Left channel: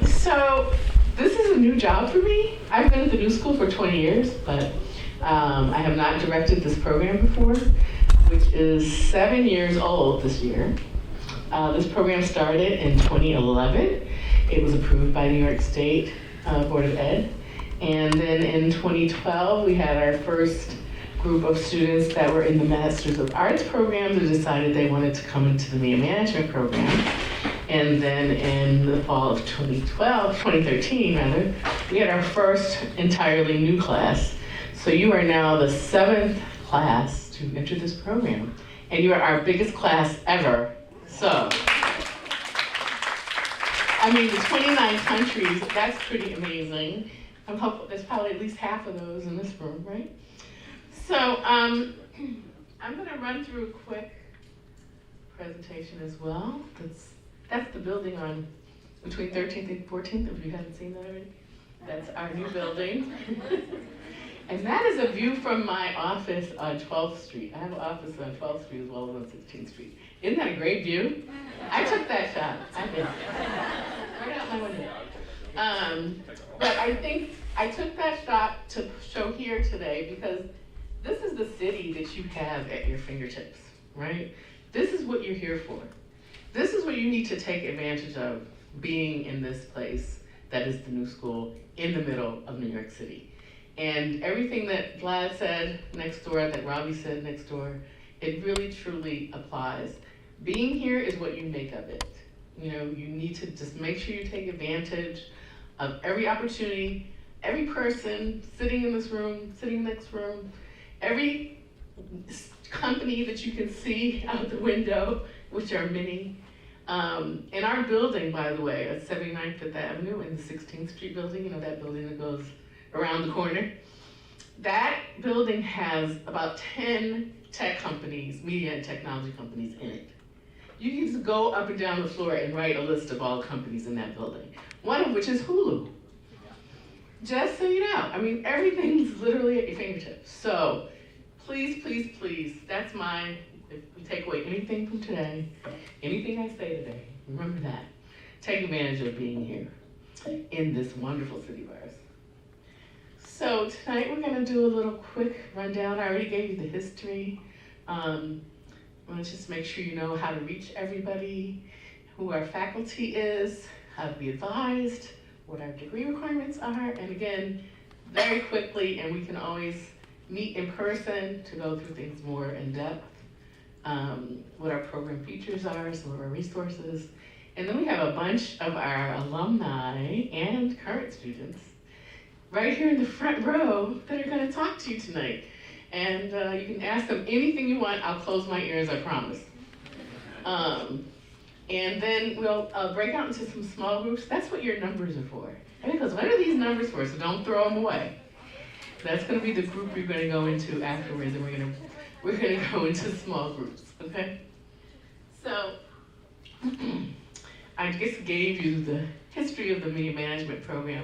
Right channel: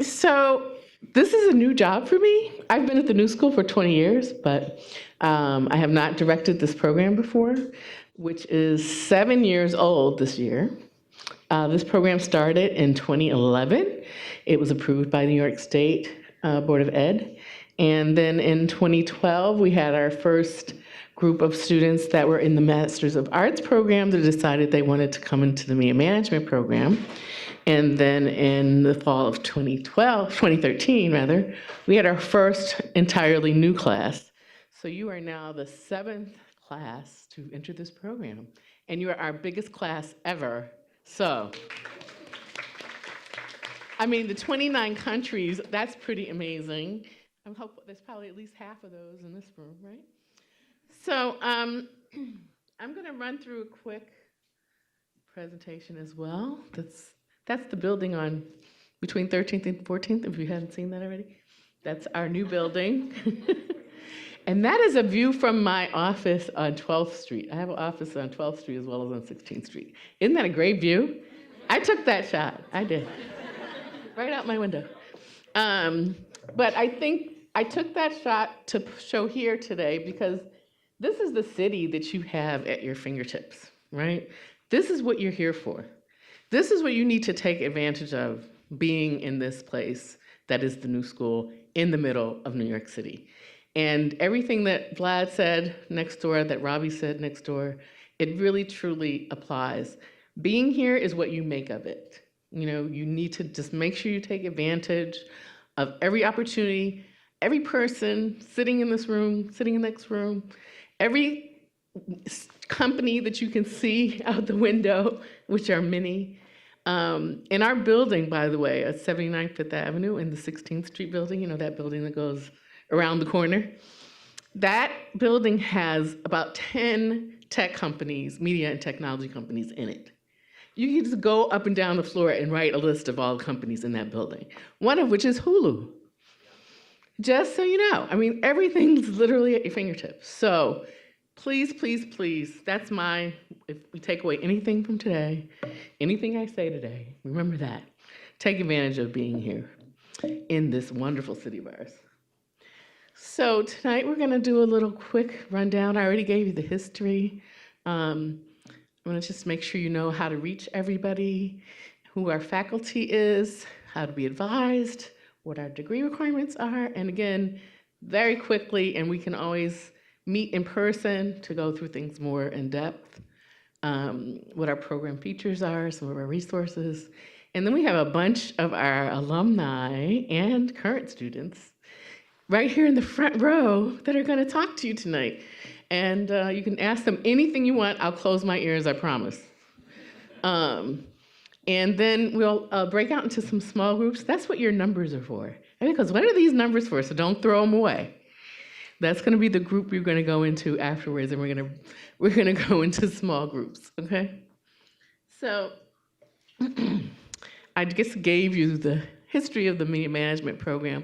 So this is a new job for me. I've been at the New School for 20 years, but I have not directed this program before, which is 7 years old this year. This program started in 2011. It was approved by New York State Board of Ed. And then in 2012, we had our first group of students that were in the Masters of Arts program who decided they wanted to come into the media management program. And then in the fall of 2013 rather, we had our first entirely new class. So you are now the 7th class to enter this program. And you are our biggest class ever. So, I mean, 29 countries, that's pretty amazing. There's probably at least half of those in this room, right? So, I'm gonna run through a quick presentation as well. That's the building on between 13th and 14th, if you haven't seen that already. That's our new building. And that is a view from my office on 12th Street. I have an office on 12th Street as well as on 16th Street. Isn't that a great view? I took that shot, I did. Right out my window. But I think I took that shot to show here today because this is the city that you have at your fingertips, right? This is what you're here for. This is what you need to take advantage of being in this place that is the New School in the middle of New York City. And everything that Vlad said next door, that Robbie said next door, it really truly applies. Being here is what you make of it. You know, you need to just make sure you take advantage of every opportunity, every person sitting in this room, sitting in the next room, every company that you can see out the window, which are many. In our building, by the way, at 79th Fifth Avenue in the 16th Street building, you know, that building that goes around the corner, that building has about 10 tech companies, media and technology companies in it. You can just go up and down the floor and write a list of all the companies in that building, one of which is Hulu. Just so you know, I mean, everything's literally at your fingertips. So please, please, please, that's mine. If we take away anything from today, anything I say today, remember that. Take advantage of being here in this wonderful city of ours. So tonight we're gonna do a little quick rundown. I already gave you the history. I'm gonna just make sure you know how to reach everybody, who our faculty is, how to be advised, what our degree requirements are, and again, very quickly, and we can always meet in person to go through things more in depth, what our program features are, some of our resources, and then we have a bunch of our alumni and current students right here in the front row that are gonna talk to you tonight. And you can ask them anything you want. I'll close my ears, I promise. And then we'll break out into some small groups. That's what your numbers are for. And because what are these numbers for? So don't throw them away. That's going to be the group you're going to go into afterwards, and we're gonna go into small groups. Okay. So I just gave you the history of the media management program.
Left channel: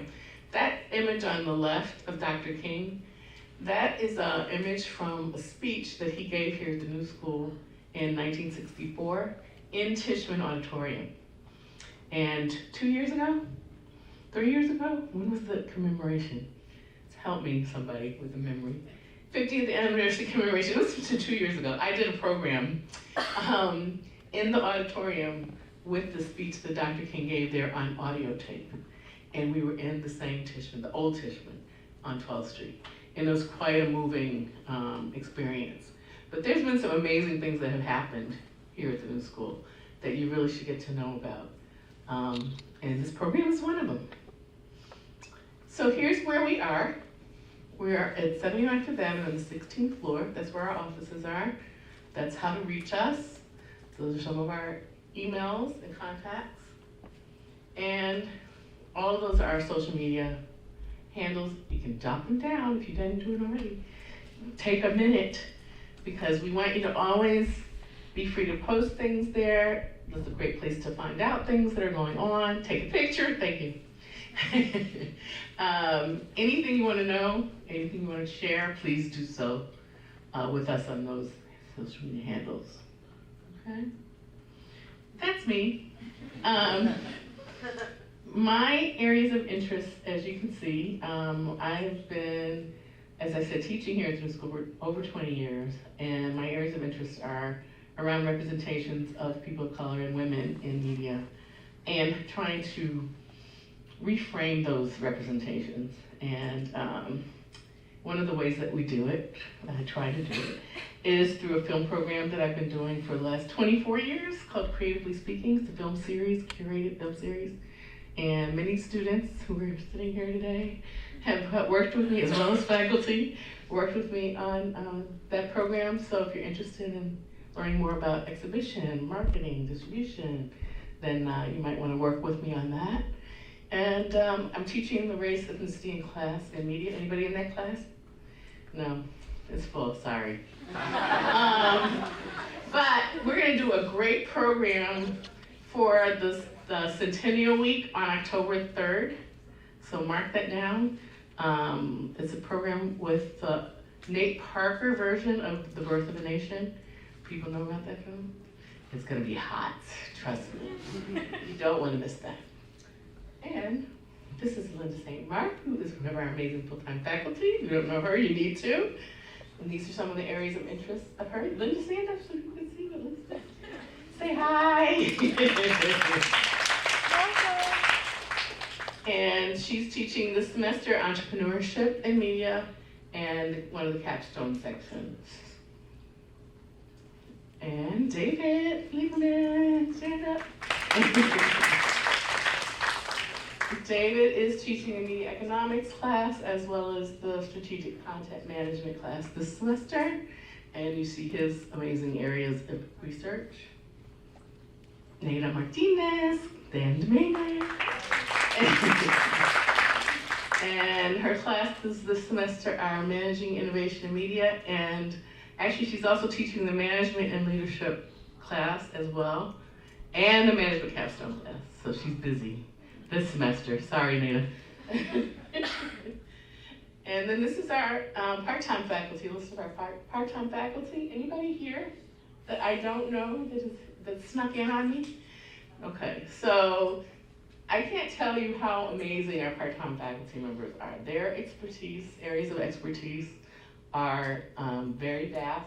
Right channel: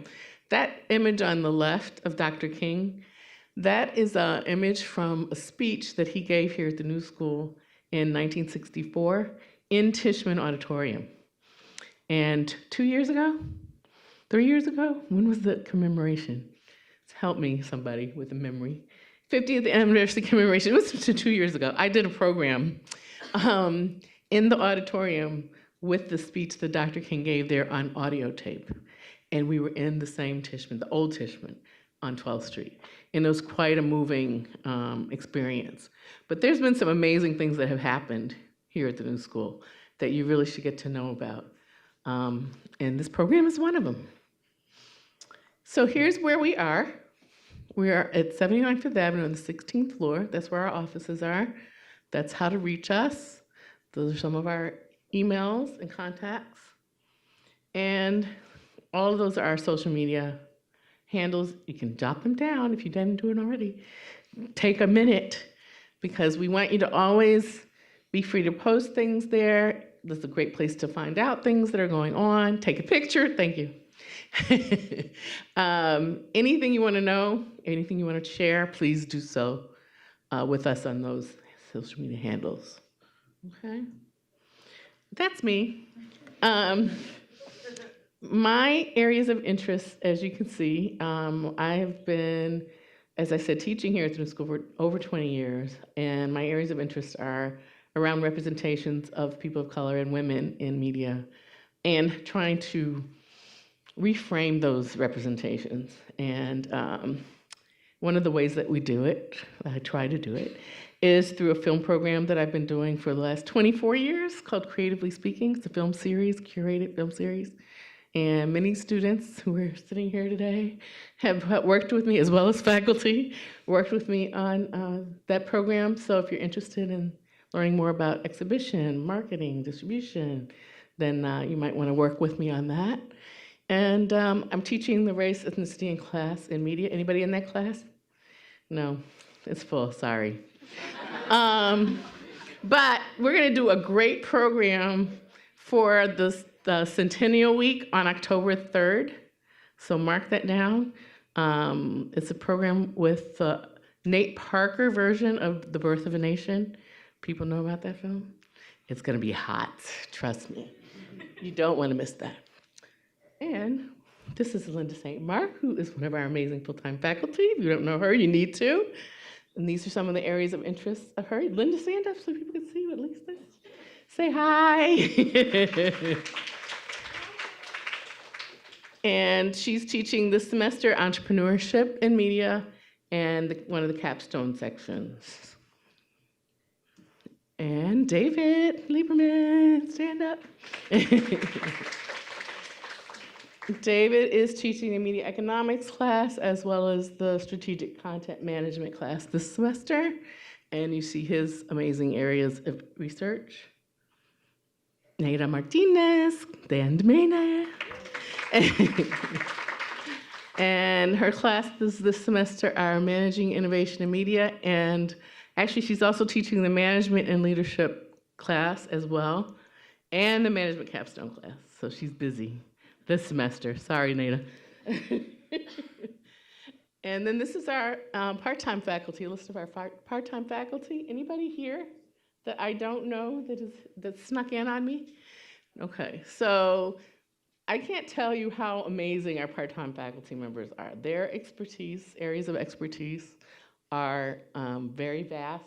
That image on the left of Dr. King, that is an image from a speech that he gave here at the New School in 1964 in Tishman Auditorium. And 2 years ago, 3 years ago, when was the commemoration? Help me, somebody with a memory. 50th anniversary commemoration, it was 2 years ago. I did a program in the auditorium with the speech that Dr. King gave there on audio tape. And we were in the same Tishman, the old Tishman on 12th Street. And it was quite a moving experience. But there's been some amazing things that have happened here at the New School that you really should get to know about. And this program is one of them. So here's where we are. We are at 79th Fifth Avenue on the 16th floor. That's where our offices are. That's how to reach us. Those are some of our emails and contacts. And all of those are our social media handles. You can jot them down if you didn't do it already. Take a minute, because we want you to always be free to post things there. This is a great place to find out things that are going on. Take a picture, thank you. Anything you want to know, anything you want to share, please do so with us on those social media handles. Okay? That's me. My areas of interest, as you can see, I've been, as I said, teaching here at the school for over 20 years, and my areas of interest are around representations of people of color and women in media, and trying to reframe those representations. And one of the ways that we do it, I try to do it, is through a film program that I've been doing for the last 24 years called Creatively Speaking. It's a film series, curated film series. And many students who are sitting here today have worked with me, as well as faculty, worked with me on that program. So if you're interested in learning more about exhibition, marketing, distribution, then you might want to work with me on that. And I'm teaching the race, ethnicity, and class in media. Anybody in that class? No, it's full, sorry. But we're going to do a great program for the Centennial Week on October 3rd. So mark that down. It's a program with the Nate Parker version of The Birth of a Nation. People know about that film? It's going to be hot, trust me. You don't want to miss that. And this is Linda St. Mark, who is one of our amazing full-time faculty. If you don't know her, you need to. And these are some of the areas of interest of her. Linda, stand up so you can see what Lisa said. Say hi. And she's teaching this semester entrepreneurship in media and one of the capstone sections. And David Lieberman, stand up. David is teaching a media economics class as well as the strategic content management class this semester. And you see his amazing areas of research. Neida Martinez, Dan Dominguez. And her classes this semester are Managing Innovation in Media, and actually she's also teaching the Management and Leadership class as well, and the Management Capstone class, so she's busy this semester. Sorry, Nina. And then this is our part-time faculty, list of our part-time faculty. Anybody here that I don't know that snuck in on me? Okay, so I can't tell you how amazing our part-time faculty members are. Their expertise, areas of expertise, are very vast,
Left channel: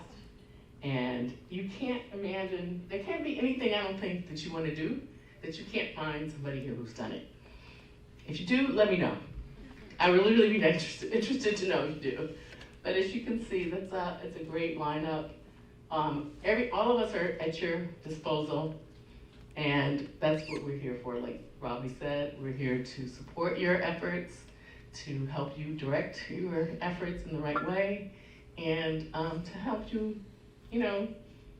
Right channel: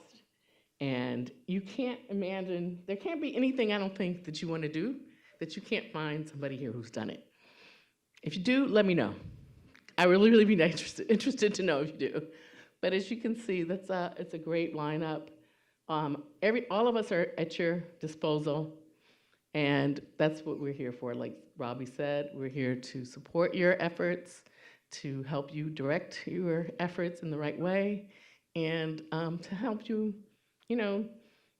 and you can't imagine, there can't be anything I don't think that you want to do that you can't find somebody here who's done it. If you do, let me know. I would really be interested to know if you do. But as you can see, it's a great lineup. All of us are at your disposal, and that's what we're here for. Like Robbie said, we're here to support your efforts, to help you direct your efforts in the right way, and to help you,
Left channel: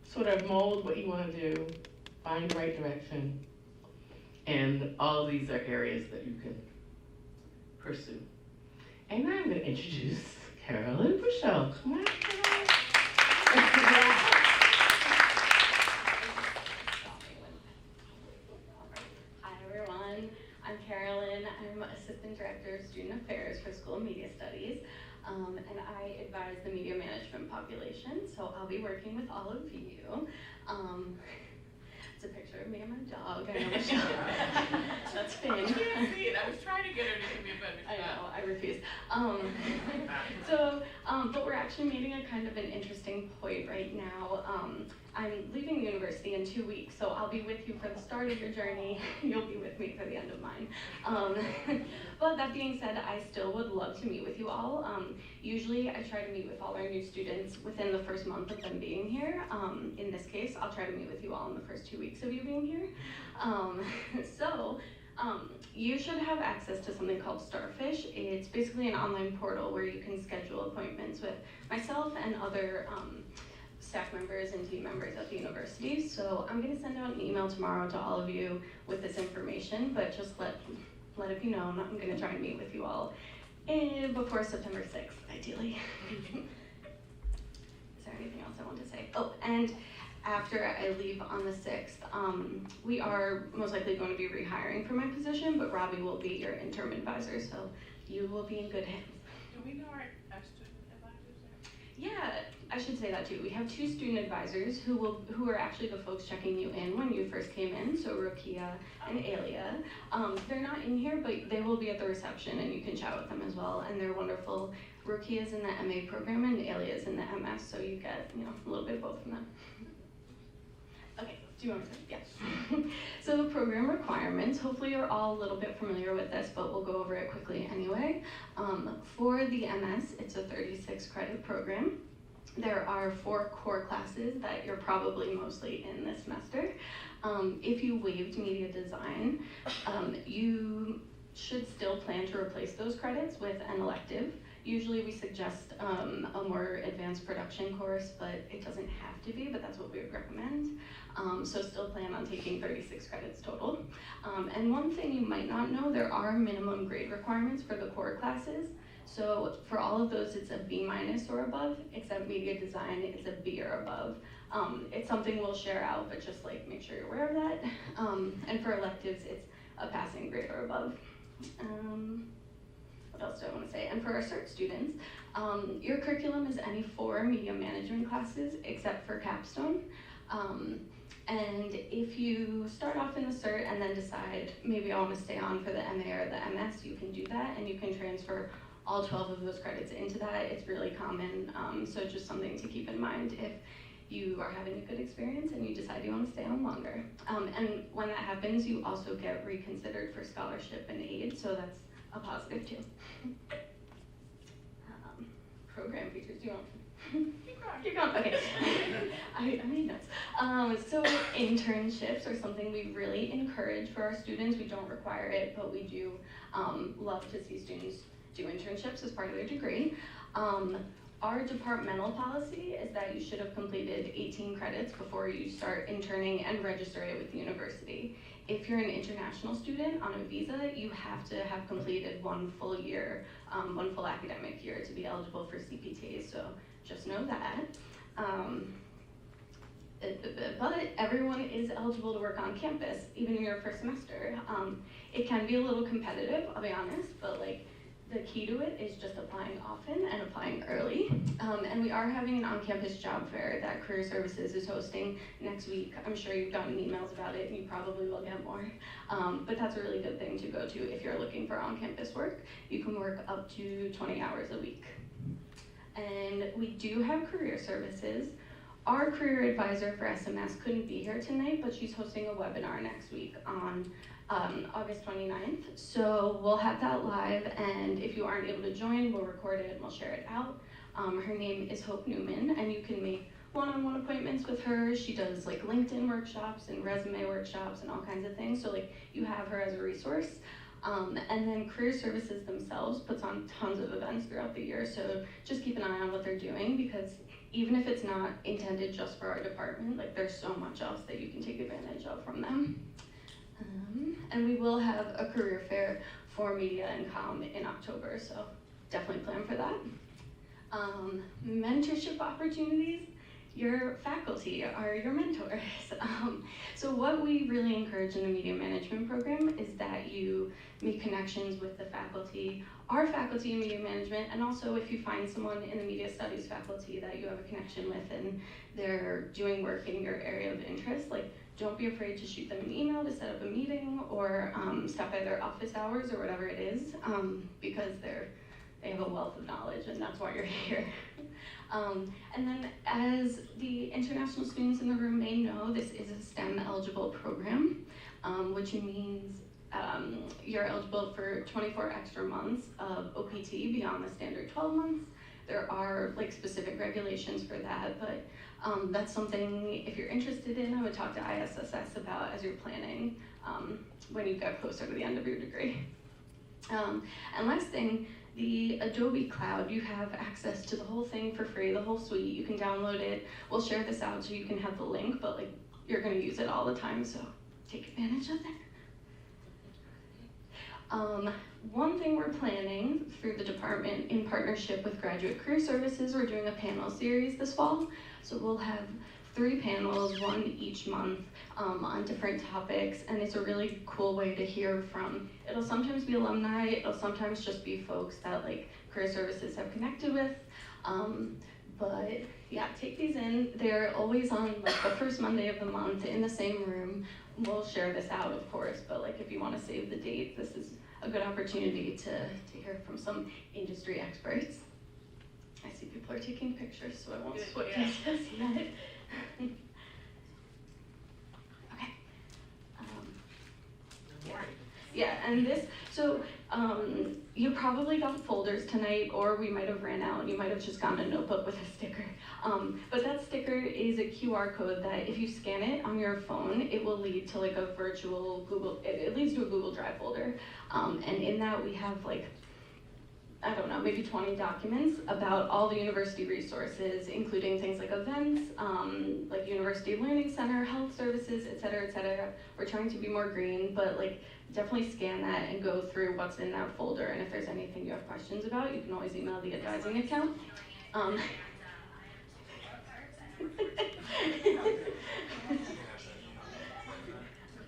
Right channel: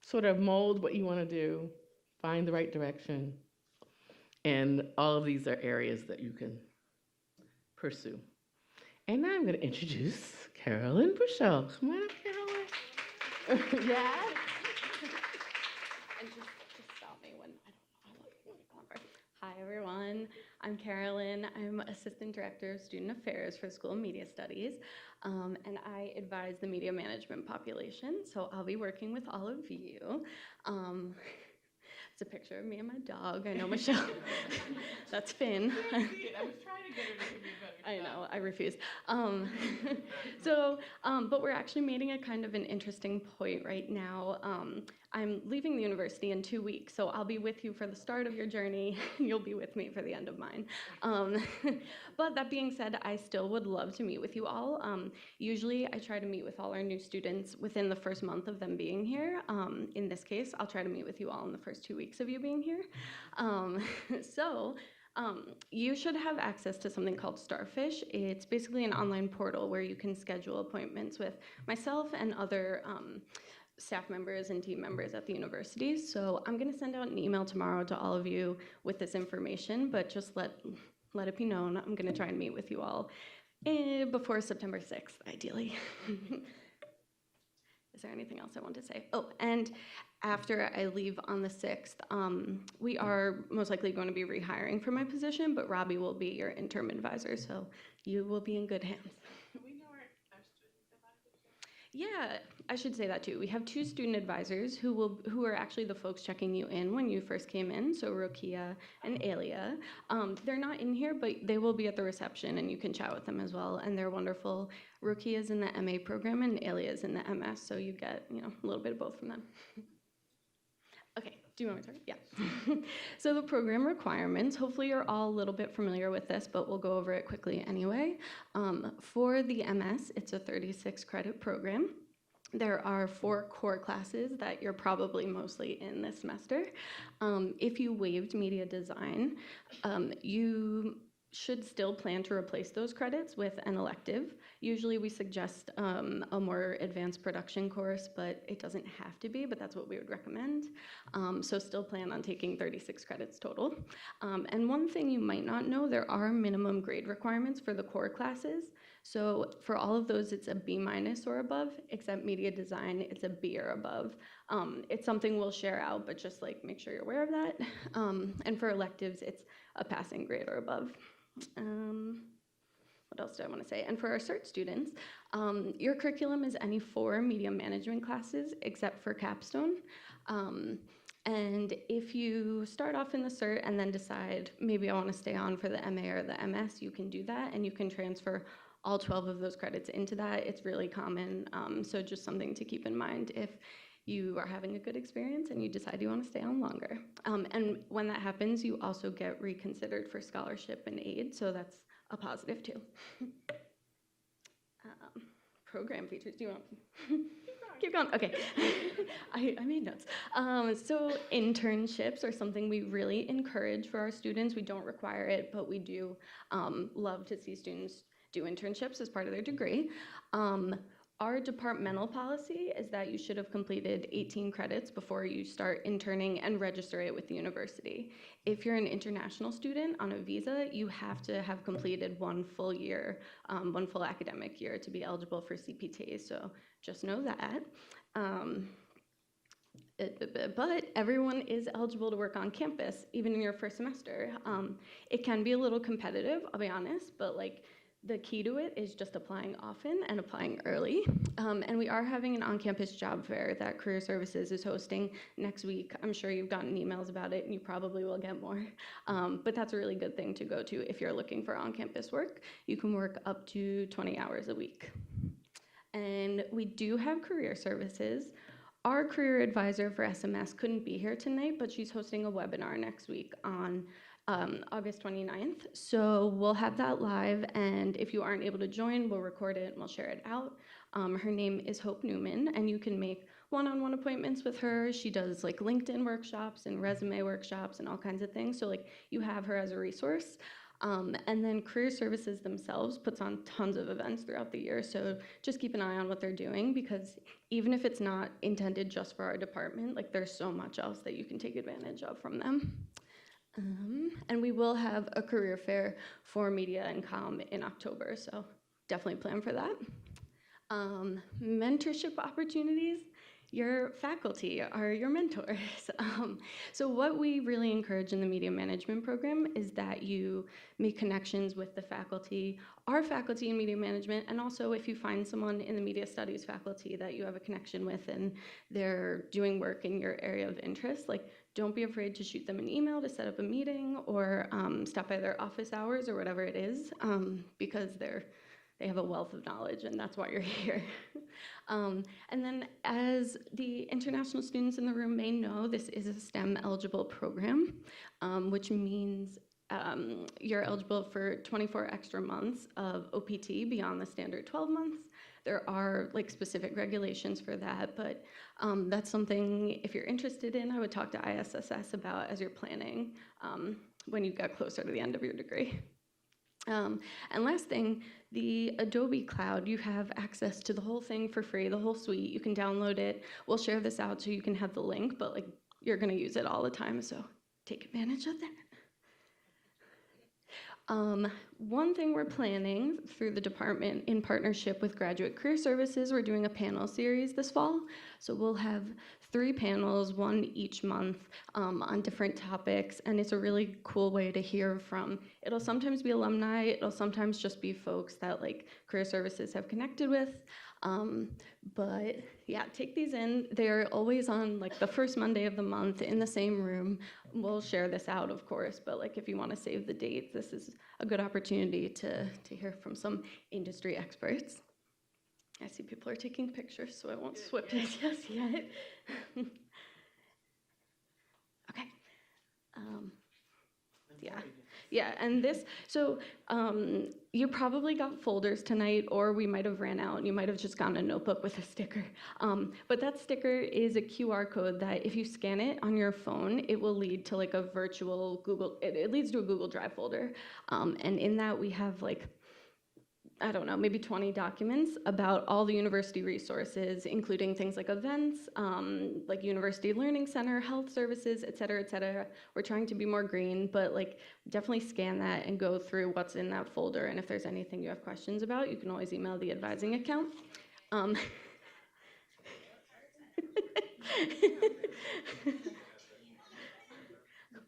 sort of mold what you want to do, find the right direction, and all of these are areas that you can pursue. And now I'm going to introduce Carolyn Bushell. Come on, Carolyn. Hi, everyone. I'm Carolyn. I'm Assistant Director of Student Affairs for School of Media Studies, and I advise the media management population, so I'll be working with all of you. It's a picture of me and my dog. I know, Michelle. That's Finn. I can't see it. I was trying to get her to give me a better shot. I know, I refuse. But we're actually meeting a kind of an interesting point right now. I'm leaving the university in 2 weeks, so I'll be with you for the start of your journey. You'll be with me for the end of mine. But that being said, I still would love to meet with you all. Usually I try to meet with all our new students within the first month of them being here. In this case, I'll try to meet with you all in the first 2 weeks of you being here. You should have access to something called Starfish. It's basically an online portal where you can schedule appointments with myself and other staff members and team members at the university. So I'm going to send out an email tomorrow to all of you with this information, but just let it be known I'm going to try and meet with you all before September 6th, ideally. Is there anything else I want to say? Oh, and after I leave on the 6th, we are most likely going to be rehiring for my position, but Robbie will be your interim advisor, so you will be in good hands. Do we know our student advisors? Yeah, I should say that too. We have 2 student advisors who are actually the folks checking you in when you first came in. So Rokia and Alia. They're not in here, but they will be at the reception, and you can chat with them as well. And they're wonderful. Rokia is in the MA program, and Alia is in the MS. So you get a little bit of both from them. Okay. Do you want to? Yeah. So program requirements. Hopefully you're all a little bit familiar with this, but we'll go over it quickly anyway. For the MS, it's a 36 credit program. There are 4 core classes that you're probably mostly in this semester. If you waived media design, you should still plan to replace those credits with an elective. Usually we suggest a more advanced production course, but it doesn't have to be, but that's what we would recommend. So still plan on taking 36 credits total. And one thing you might not know, there are minimum grade requirements for the core classes. So for all of those, it's a B- or above, except media design, it's a B or above. It's something we'll share out, but just make sure you're aware of that. And for electives, it's a passing grade or above. What else do I want to say? And for our CERT students, your curriculum is any 4 media management classes except for capstone. And if you start off in the CERT and then decide maybe I want to stay on for the MA or the MS, you can do that, and you can transfer all 12 of those credits into that. It's really common, so just something to keep in mind if you are having a good experience and you decide you want to stay on longer. And when that happens, you also get reconsidered for scholarship and aid, so that's a positive too. Program features, do you want Keep going. Okay. I made notes. So internships are something we really encourage for our students. We don't require it, but we do love to see students do internships as part of their degree. Our departmental policy is that you should have completed 18 credits before you start interning and register it with the university. If you're an international student on a visa, you have to have completed 1 full year, 1 full academic year to be eligible for CPTs. So just know that. But everyone is eligible to work on campus, even in your first semester. It can be a little competitive, I'll be honest, but the key to it is just applying often and applying early. And we are having an on-campus job fair that Career Services is hosting next week. I'm sure you've gotten emails about it, and you probably will get more. But that's a really good thing to go to if you're looking for on-campus work. You can work up to 20 hours a week. And we do have Career Services. Our career advisor for SMS couldn't be here tonight, but she's hosting a webinar next week on August 29th. So we'll have that live, and if you aren't able to join, we'll record it and we'll share it out. Her name is Hope Newman, and you can make one-on-one appointments with her. She does LinkedIn workshops and resume workshops and all kinds of things. So you have her as a resource. And then Career Services themselves puts on tons of events throughout the year, so just keep an eye on what they're doing, because even if it's not intended just for our department, there's so much else that you can take advantage of from them. And we will have a career fair for media and comm in October, so definitely plan for that. Mentorship opportunities. Your faculty are your mentors. So what we really encourage in the media management program is that you make connections with the faculty, our faculty in media management, and also if you find someone in the media studies faculty that you have a connection with and they're doing work in your area of interest, don't be afraid to shoot them an email to set up a meeting or stop by their office hours or whatever it is, because they have a wealth of knowledge and that's why you're here. And then as the international students in the room may know, this is a STEM eligible program, which means you're eligible for 24 extra months of OPT beyond the standard 12 months. There are specific regulations for that, but that's something, if you're interested in, I would talk to ISSS about as you're planning when you get closer to the end of your degree. And last thing, the Adobe Cloud, you have access to the whole thing for free, the whole suite. You can download it. We'll share this out so you can have the link, but you're going to use it all the time, so take advantage of it. One thing we're planning through the department in partnership with Graduate Career Services, we're doing a panel series this fall. So we'll have 3 panels, 1 each month, on different topics, and it's a really cool way to hear from. It'll sometimes be alumni, it'll sometimes just be folks that Career Services have connected with, But yeah, take these in. They're always on like the first Monday of the month in the same room. We'll share this out, of course, but like if you want to save the date, this is a good opportunity to hear from some industry experts. I see people are taking pictures, so I won't switch just yet. Okay. Yeah. Yeah, and this, so you probably got folders tonight, or we might have ran out and you might have just gotten a notebook with a sticker. But that sticker is a QR code that if you scan it on your phone, it will lead to like a virtual Google, it leads to a Google Drive folder. And in that we have like, I don't know, maybe 20 documents about all the university resources, including things like events, like University Learning Center, health services, et cetera, et cetera. We're trying to be more green, but like definitely scan that and go through what's in that folder. And if there's anything you have questions about, you can always email the advising account.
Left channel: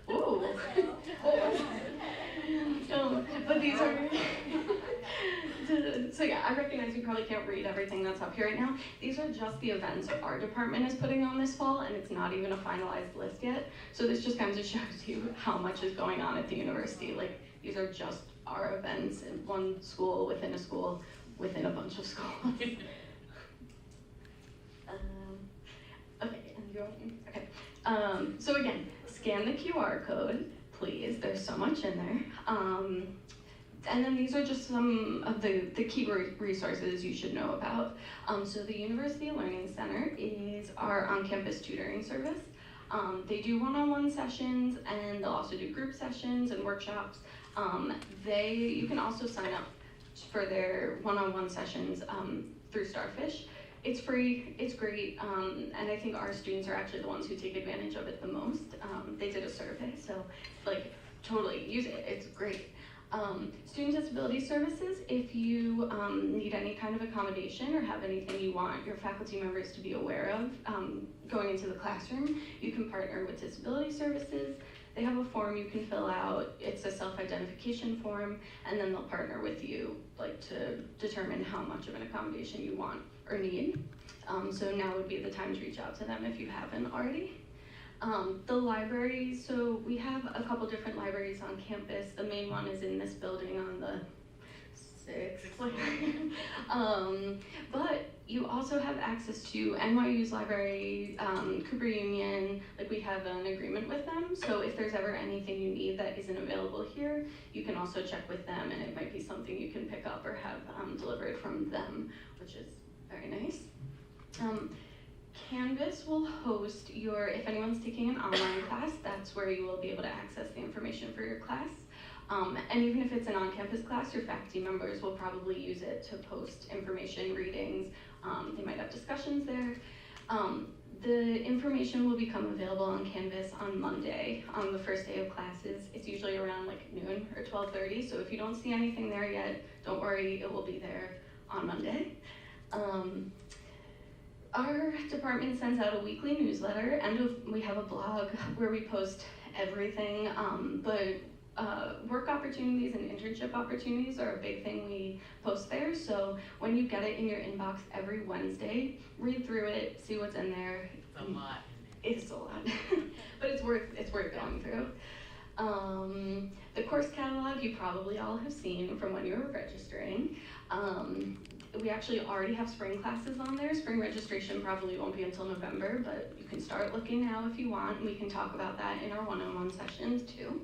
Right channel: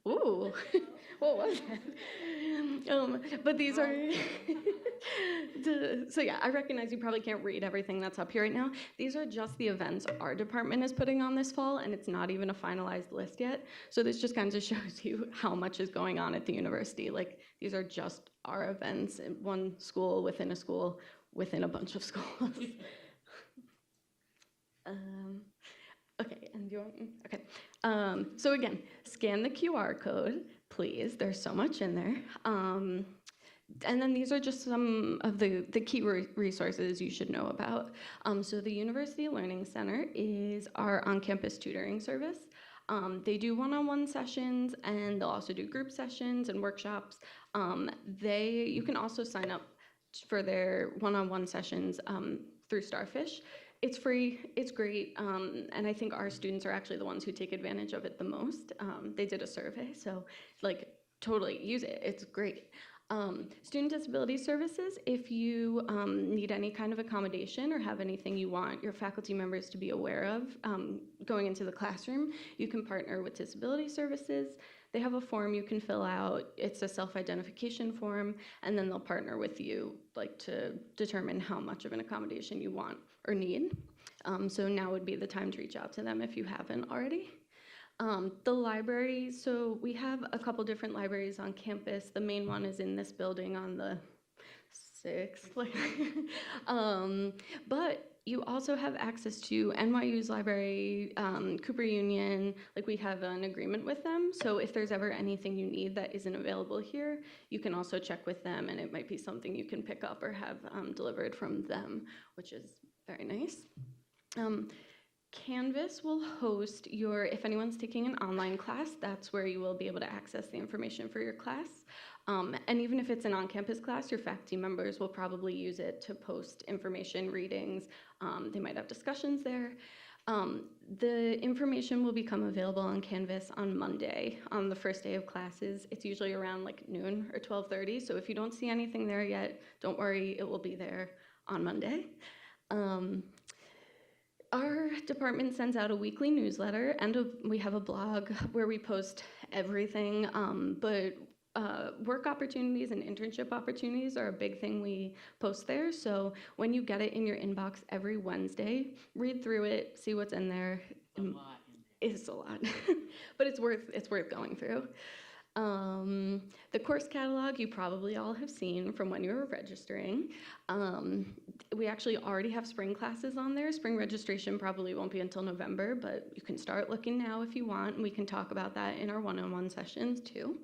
Ooh. But these are, so yeah, I recognize you probably can't read everything that's up here right now. These are just the events our department is putting on this fall, and it's not even a finalized list yet. So this just kind of shows you how much is going on at the university. Like, these are just our events in one school, within a bunch of schools. Okay, and you're, okay. So again, scan the QR code, please. There's so much in there. And then these are just some of the key resources you should know about. So the University Learning Center is our on-campus tutoring service. They do one-on-one sessions, and they'll also do group sessions and workshops. You can also sign up for their one-on-one sessions through Starfish. It's free, it's great, and I think our students are actually the ones who take advantage of it the most. They did a survey, so like totally use it, it's great. Student disability services, if you need any kind of accommodation or have anything you want your faculty members to be aware of going into the classroom, you can partner with disability services. They have a form you can fill out. It's a self-identification form, and then they'll partner with you like to determine how much of an accommodation you want or need. So now would be the time to reach out to them if you haven't already. The library, so we have a couple different libraries on campus. The main one is in this building on the 6th floor. But you also have access to NYU's library, Cooper Union, like we have an agreement with them. So if there's ever anything you need that isn't available here, you can also check with them, and it might be something you can pick up or have delivered from them, which is very nice. Canvas will host if anyone's taking an online class, that's where you will be able to access the information for your class. And even if it's an on-campus class, your faculty members will probably use it to post information, readings. They might have discussions there. The information will become available on Canvas on Monday, on the first day of classes. It's usually around like noon or 12:30, so if you don't see anything there yet, don't worry, it will be there on Monday. Our department sends out a weekly newsletter, and we have a blog where we post everything, but work opportunities and internship opportunities are a big thing we post there. So when you get it in your inbox every Wednesday, read through it, see what's in there. A lot. It's a lot, but it's worth going through. The course catalog you probably all have seen from when you were registering. We actually already have spring classes on there. Spring registration probably won't be until November, but you can start looking now if you want, and we can talk about that in our one-on-one sessions too.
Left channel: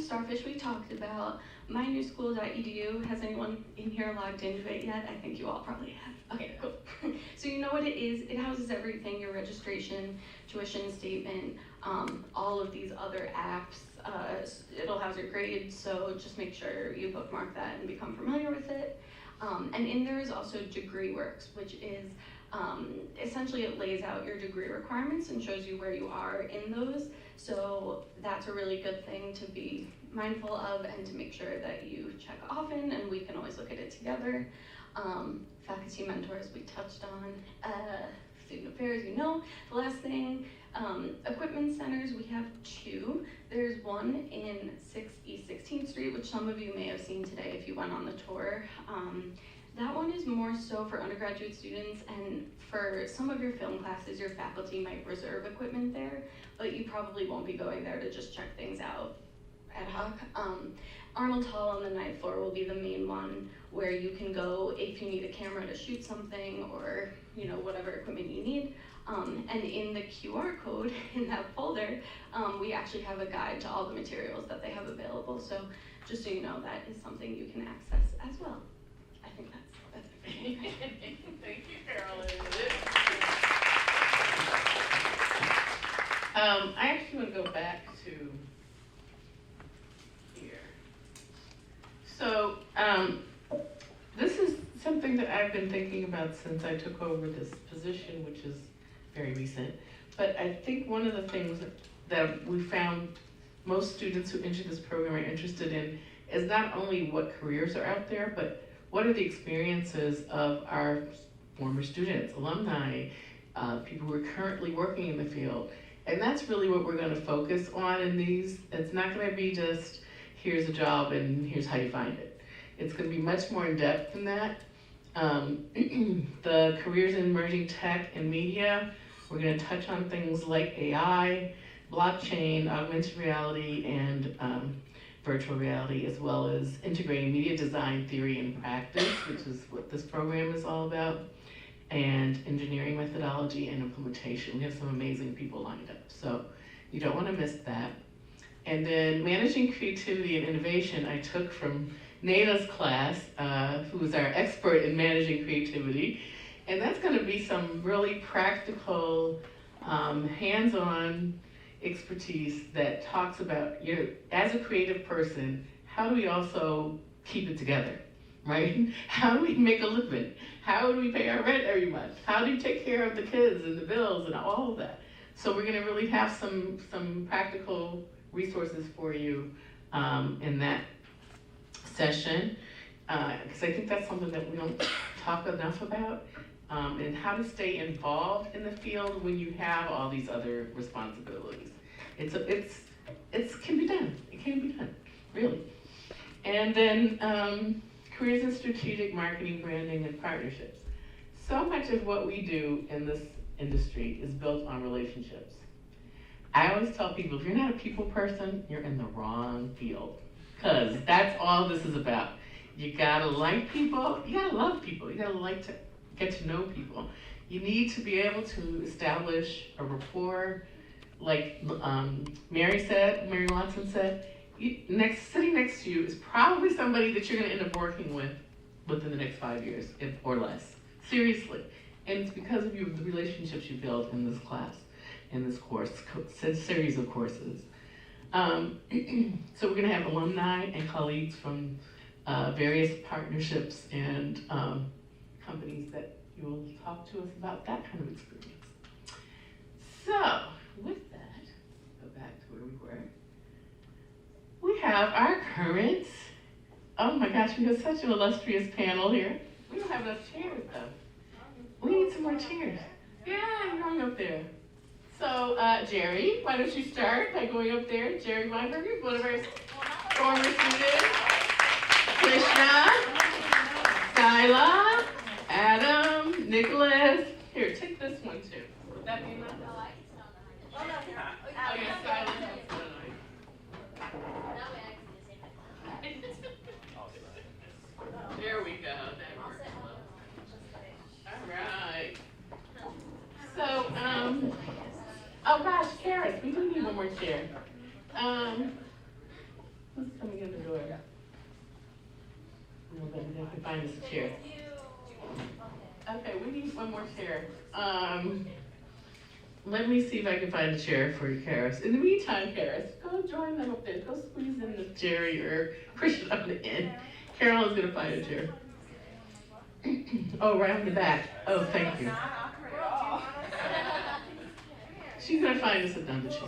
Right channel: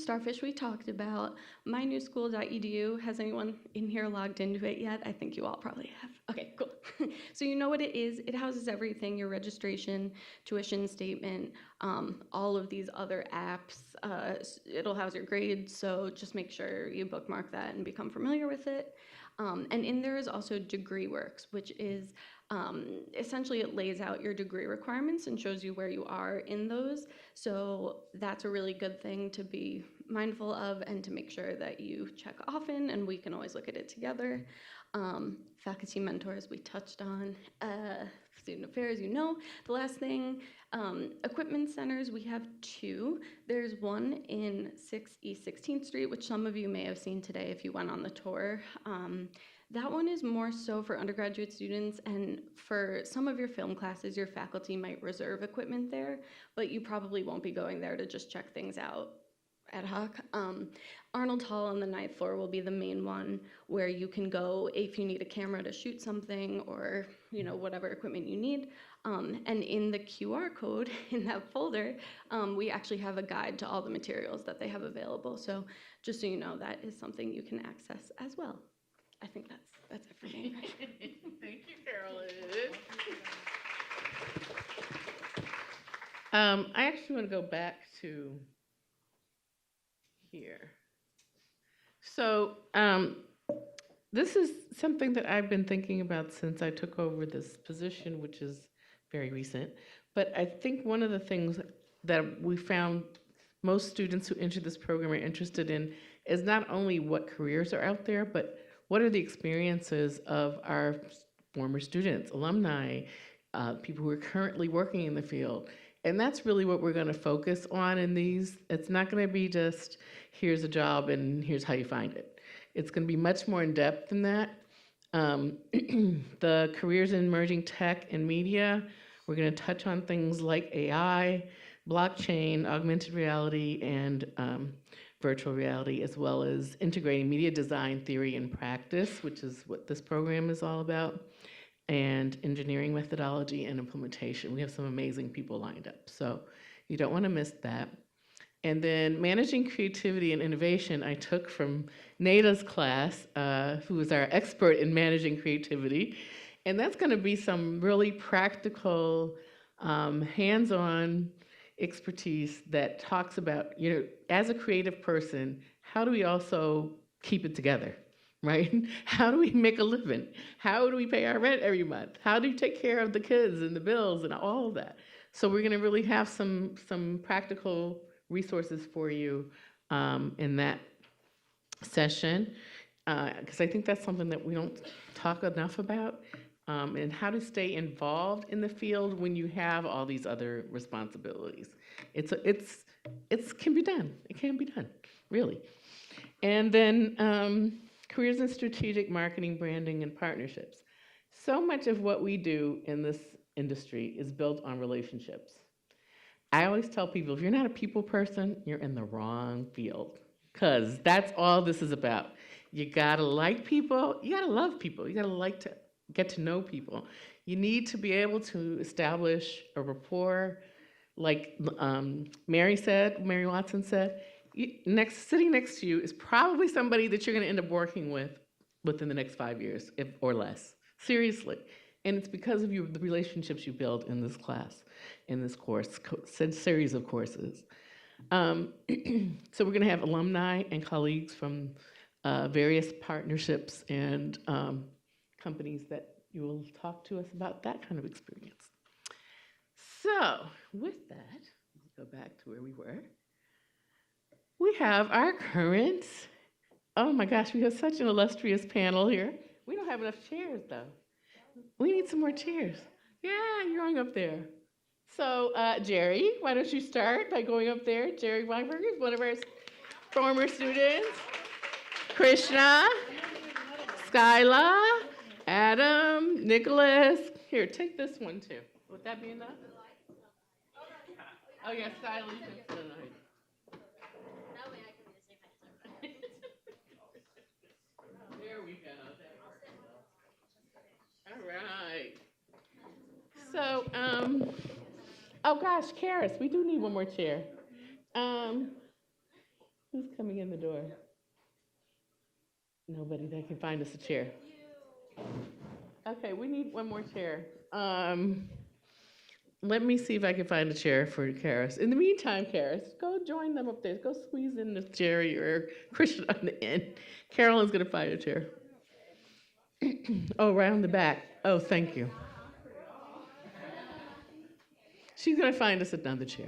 Starfish we talked about. mynewschool.edu. Has anyone in here logged into it yet? I think you all probably have. Okay, cool. So you know what it is. It houses everything, your registration, tuition statement, all of these other apps. It'll house your grades, so just make sure you bookmark that and become familiar with it. And in there is also DegreeWorks, which is essentially it lays out your degree requirements and shows you where you are in those. So that's a really good thing to be mindful of and to make sure that you check often, and we can always look at it together. Faculty mentors we touched on. Student affairs, you know. The last thing, equipment centers, we have 2. There's one in 6 East 16th Street, which some of you may have seen today if you went on the tour. That one is more so for undergraduate students, and for some of your film classes, your faculty might reserve equipment there, but you probably won't be going there to just check things out ad hoc. Arnold Hall on the ninth floor will be the main one where you can go if you need a camera to shoot something or whatever equipment you need. And in the QR code in that folder, we actually have a guide to all the materials that they have available. So just so you know, that is something you can access as well. I think that's it for me. Thank you, Carolyn. I actually want to go back to here. So this is something that I've been thinking about since I took over this position, which is very recent. But I think one of the things that we found most students who enter this program are interested in is not only what careers are out there, but what are the experiences of our former students, alumni, people who are currently working in the field. And that's really what we're going to focus on in these. It's not going to be just, here's a job and here's how you find it. It's going to be much more in depth than that. The careers in emerging tech and media, we're going to touch on things like AI, blockchain, augmented reality, and virtual reality, as well as integrating media design theory and practice, which is what this program is all about, and engineering methodology and implementation. We have some amazing people lined up, so you don't want to miss that. And then managing creativity and innovation, I took from Nada's class, who is our expert in managing creativity, and that's going to be some really practical, hands-on expertise that talks about, as a creative person, how do we also keep it together, right? How do we make a living? How do we pay our rent every month? How do we take care of the kids and the bills and all of that? So we're going to really have some practical resources for you in that session, because I think that's something that we don't talk enough about, and how to stay involved in the field when you have all these other responsibilities. It can be done. It can be done, really. And then careers in strategic marketing, branding, and partnerships. So much of what we do in this industry is built on relationships. I always tell people, if you're not a people person, you're in the wrong field, because that's all this is about. You gotta like people, you gotta love people, you gotta like to get to know people. You need to be able to establish a rapport, like Mary Watson said. Sitting next to you is probably somebody that you're going to end up working with within the next 5 years, or less. Seriously. And it's because of the relationships you build in this class, in this course, series of courses. So we're going to have alumni and colleagues from various partnerships and companies that you will talk to us about that kind of experience. So, with that, go back to where we were. We have our current, oh my gosh, we have such an illustrious panel here. We don't have enough chairs though. We need some more chairs. Yeah, you're going up there. So, Jerry, why don't you start by going up there? Jerry Weinberger is one of our former students. Krishna, Skyla, Adam, Nicholas. Here, take this one too. Would that be enough? Oh yeah, Skyla. There we go. That works. All right. So, oh gosh, Karis, we do need one more chair. Who's coming in the door? Nobody that can find us a chair. Okay, we need one more chair. Let me see if I can find a chair for Karis. In the meantime, Karis, go join them up there. Go squeeze in with Jerry or Christian on the end. Carolyn's gonna find a chair. Oh, right on the back. Oh, thank you. She's gonna find us another chair.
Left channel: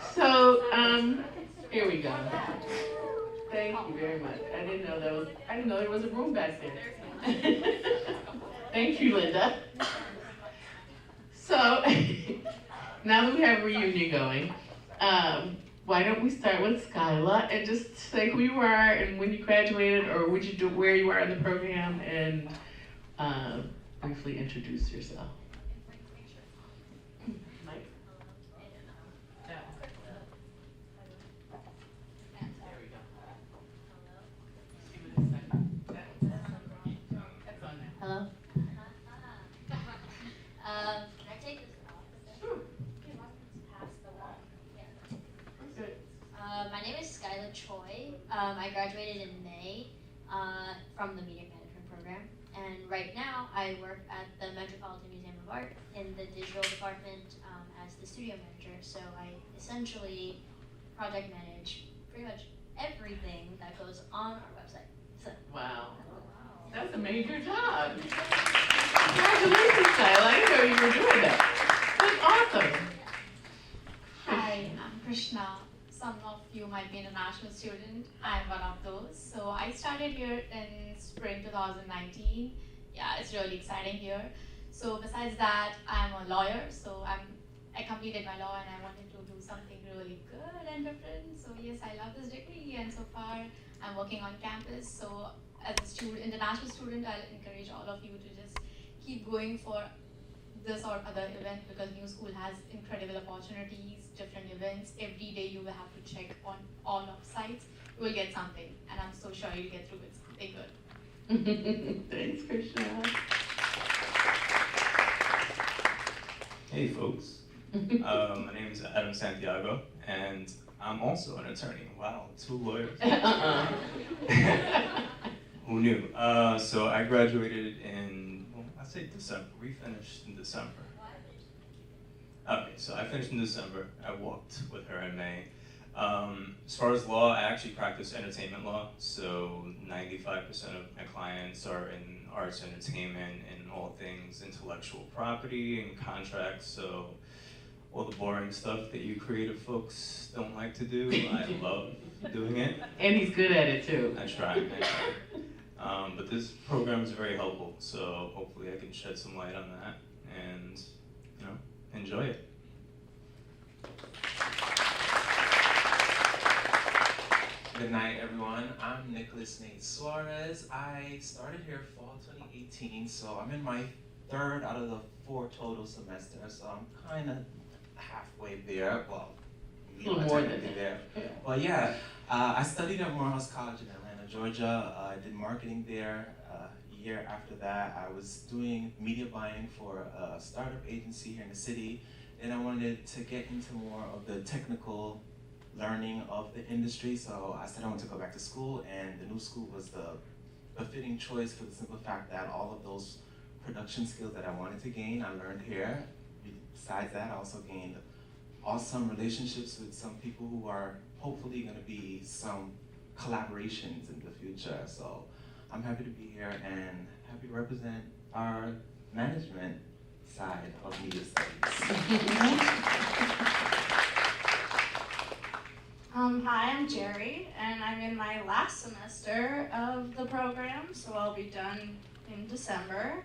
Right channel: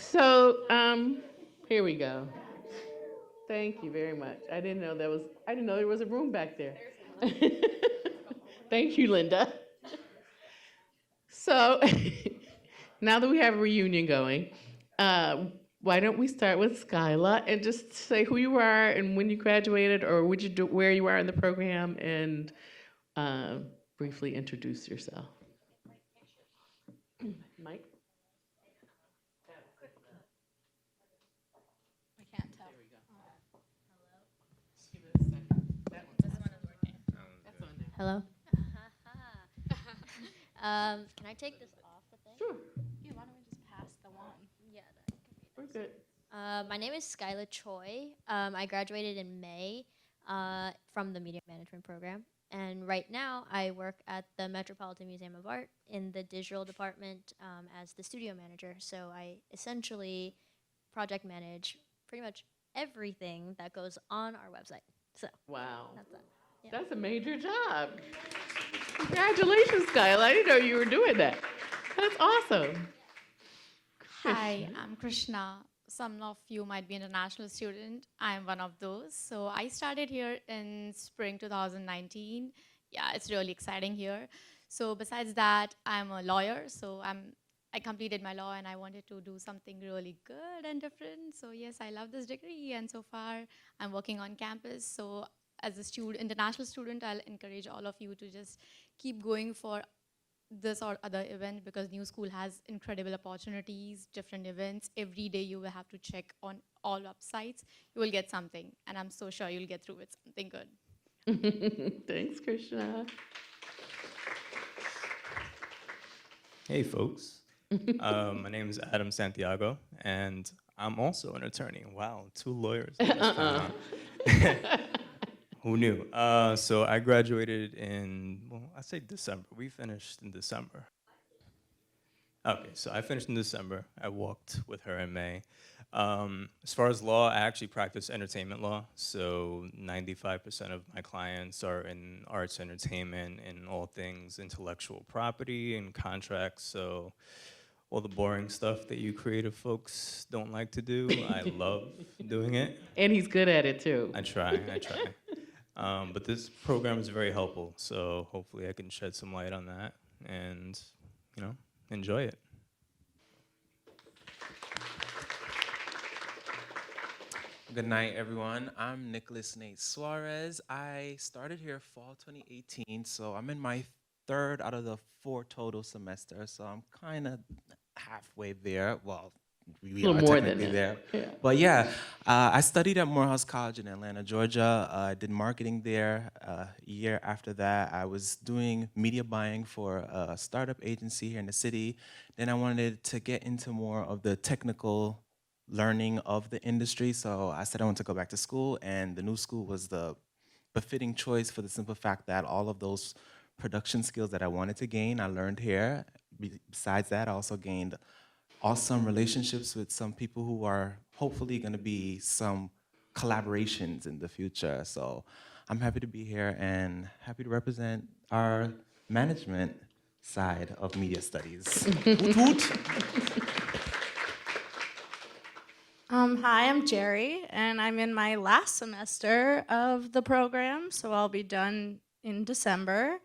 So, here we go. Thank you very much. I didn't know there was a room back there. Thank you, Linda. So, now that we have a reunion going, why don't we start with Skyla and just say who you are and when you graduated, or would you do where you are in the program, and uh, briefly introduce yourself. Mike? Yeah. There we go. Just give it a second. That's on now. Hello. Can I take this off? Sure. Do you want me to pass the one? Yeah. We're good. My name is Skyla Choi. I graduated in May from the Media Management program, and right now I work at the Metropolitan Museum of Art in the digital department as the studio manager. So I essentially project manage pretty much everything that goes on our website. So. Wow. That's a major job. Congratulations, Skyla. I didn't know you were doing that. That's awesome. Hi, I'm Krishna. Some of you might be international student. I'm one of those. So I started here in spring 2019. Yeah, it's really exciting here. So besides that, I'm a lawyer. So I completed my law and I wanted to do something really good and different. So yes, I love this degree, and so far I'm working on campus. So as a international student, I'll encourage all of you to just keep going for this or other event, because New School has incredible opportunities, different events. Every day you will have to check on all websites. You will get something, and I'm so sure you'll get through with something good. Thanks, Krishna. Hey folks, my name is Adam Santiago, and I'm also an attorney. Wow, 2 lawyers. Who knew? So I graduated in, well, I say December. We finished in December. Okay, so I finished in December. I walked with her in May. As far as law, I actually practice entertainment law. So 95% of my clients are in arts, entertainment, and all things intellectual property and contracts. So all the boring stuff that you creative folks don't like to do, I love doing it. And he's good at it too. I try. But this program is very helpful, so hopefully I can shed some light on that and, enjoy it. Good night, everyone. I'm Nicholas Nate Suarez. I started here fall 2018, so I'm in my 3rd out of the 4 total semesters, so I'm kind of halfway there. Well, we A little are more than technically that. there. Yeah. But yeah, I studied at Morehouse College in Atlanta, Georgia. I did marketing there. A year after that, I was doing media buying for a startup agency here in the city. Then I wanted to get into more of the technical learning of the industry, so I said I wanted to go back to school, and the New School was the befitting choice for the simple fact that all of those production skills that I wanted to gain, I learned here. Besides that, I also gained awesome relationships with some people who are hopefully going to be some collaborations in the future. So I'm happy to be here and happy to represent our management side of media studies. Hi, I'm Jerry, and I'm in my last semester of the program, so I'll be done in December.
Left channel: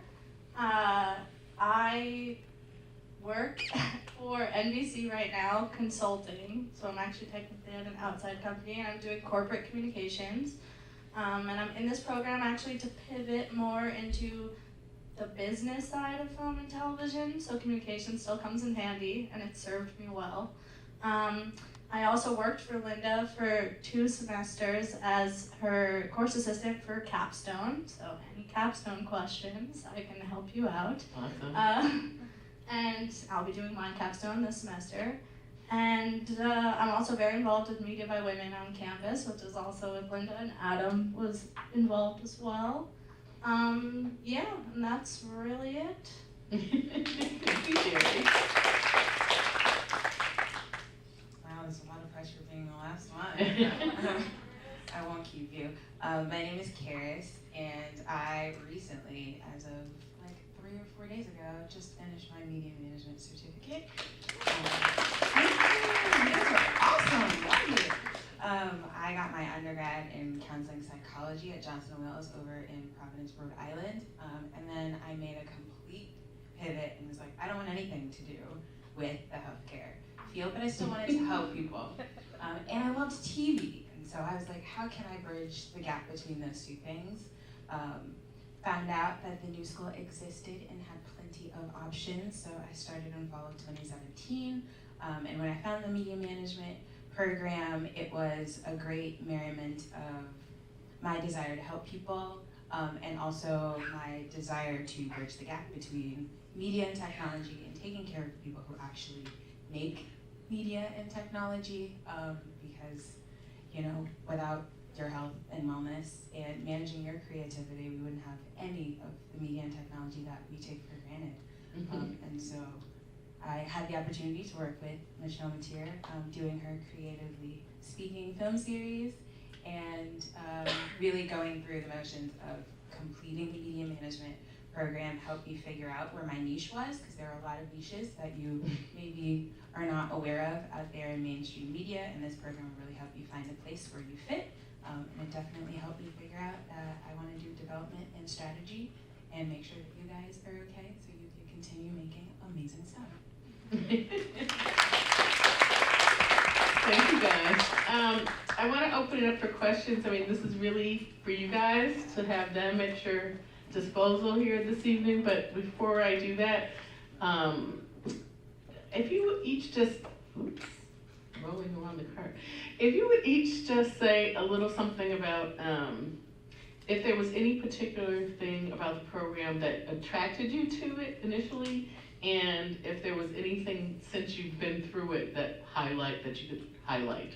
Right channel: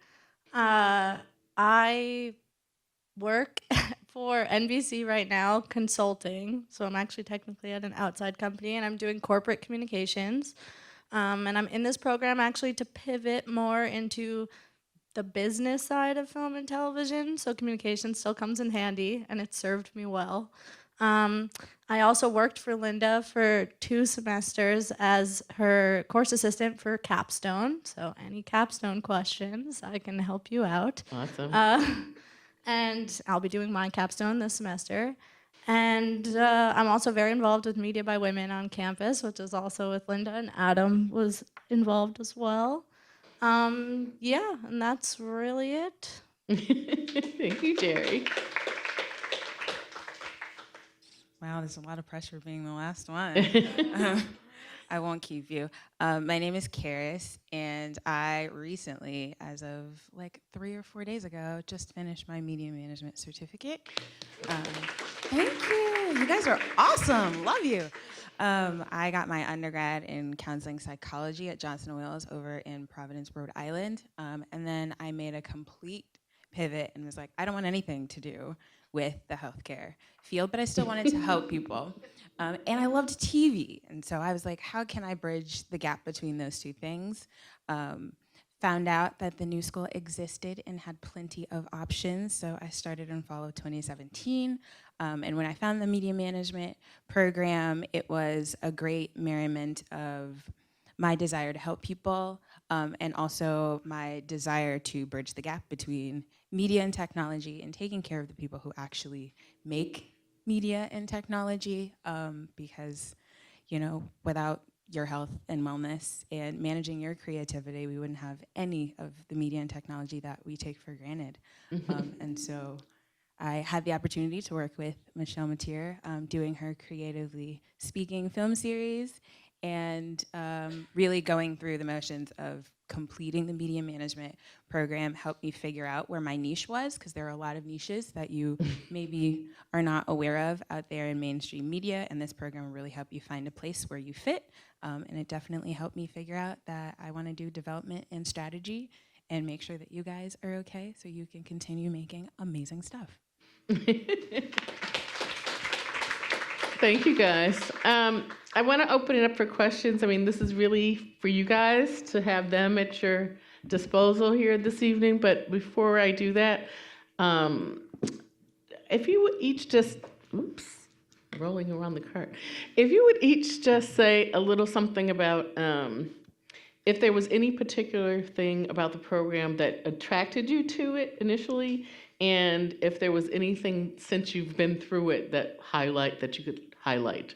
I work for NBC right now, consulting, so I'm actually technically at an outside company, and I'm doing corporate communications. And I'm in this program actually to pivot more into the business side of film and television, so communication still comes in handy, and it served me well. I also worked for Linda for 2 semesters as her course assistant for Capstone. So any Capstone questions, I can help you out. Awesome. And I'll be doing my Capstone this semester. And I'm also very involved with Media by Women on campus, which is also with Linda, and Adam was involved as well. Yeah, and that's really it. Thank you, Jerry. Wow, there's a lot of pressure being the last one. I won't keep you. My name is Karis, and I recently, as of like 3 or 4 days ago, just finished my media management certificate. Thank you. You guys are awesome. Love you. I got my undergrad in counseling psychology at Johnson & Wales over in Providence, Rhode Island. And then I made a complete pivot and was like, I don't want anything to do with the healthcare field, but I still wanted to help people. And I loved TV, and so I was like, how can I bridge the gap between those two things? Found out that the new school existed and had plenty of options, so I started in fall of 2017. And when I found the media management program, it was a great merriment of my desire to help people, and also my desire to bridge the gap between media and technology and taking care of the people who actually make media and technology, because, you know, without your health and wellness and managing your creativity, we wouldn't have any of the media and technology that we take for granted. And so I had the opportunity to work with Michelle Mateer, doing her creatively speaking film series, and really going through the motions of completing the media management program helped me figure out where my niche was, because there are a lot of niches that you maybe are not aware of out there in mainstream media, and this program will really help you find a place where you fit. And it definitely helped me figure out that I want to do development and strategy and make sure that you guys are okay so you can continue making amazing stuff. Thank you, guys. I want to open it up for questions. I mean, this is really for you guys to have them at your disposal here this evening. But before I do that, if you would each just, rolling around the cart. If you would each just say a little something about if there was any particular thing about the program that attracted you to it initially, and if there was anything since you've been through it that you could highlight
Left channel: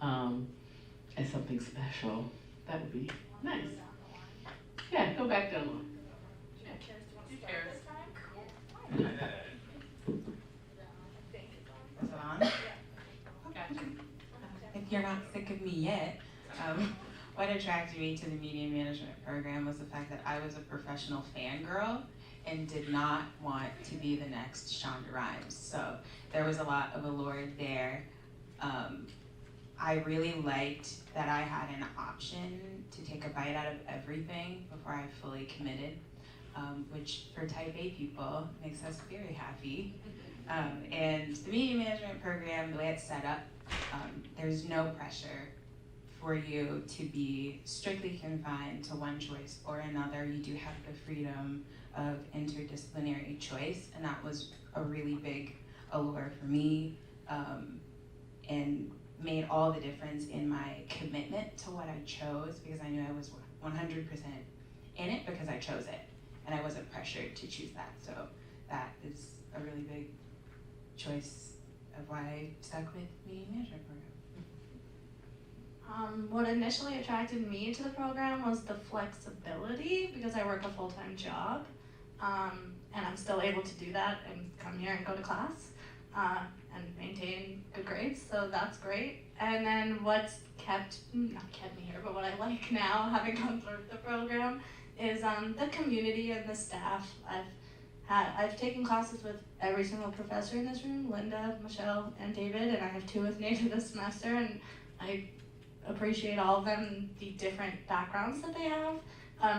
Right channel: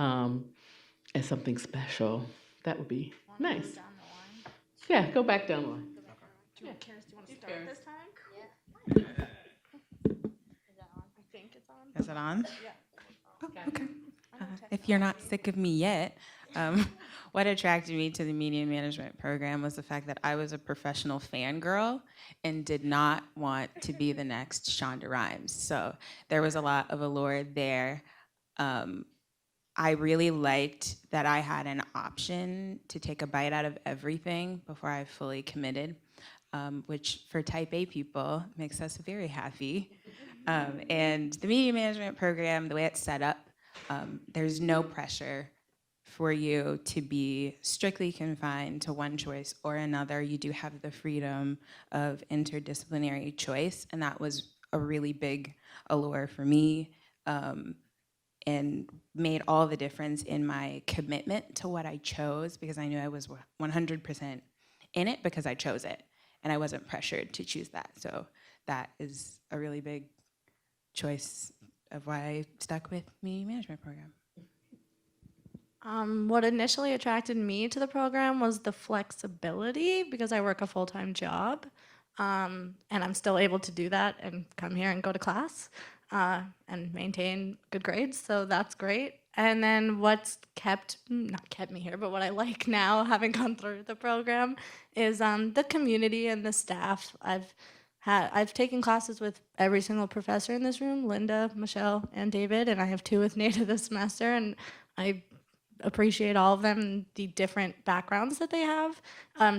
as something special, that would be nice. Yeah, go back down the line. Yeah. Is it on? If you're not sick of me yet, what attracted me to the media management program was the fact that I was a professional fangirl and did not want to be the next Shonda Rhimes. So there was a lot of allure there. I really liked that I had an option to take a bite out of everything before I fully committed, which for type A people makes us very happy. And the media management program, the way it's set up, there's no pressure for you to be strictly confined to one choice or another. You do have the freedom of interdisciplinary choice, and that was a really big allure for me, and made all the difference in my commitment to what I chose, because I knew I was 100% in it because I chose it, and I wasn't pressured to choose that. So that is a really big choice of why I stuck with media management program. What initially attracted me to the program was the flexibility, because I work a full-time job, and I'm still able to do that and come here and go to class and maintain good grades, so that's great. And then what's not kept me here, but what I like now, having gone through the program, is the community and the staff. I've taken classes with every single professor in this room, Linda, Michelle, and David, and I have 2 with Nada this semester, and I appreciate all of them and the different backgrounds that they have,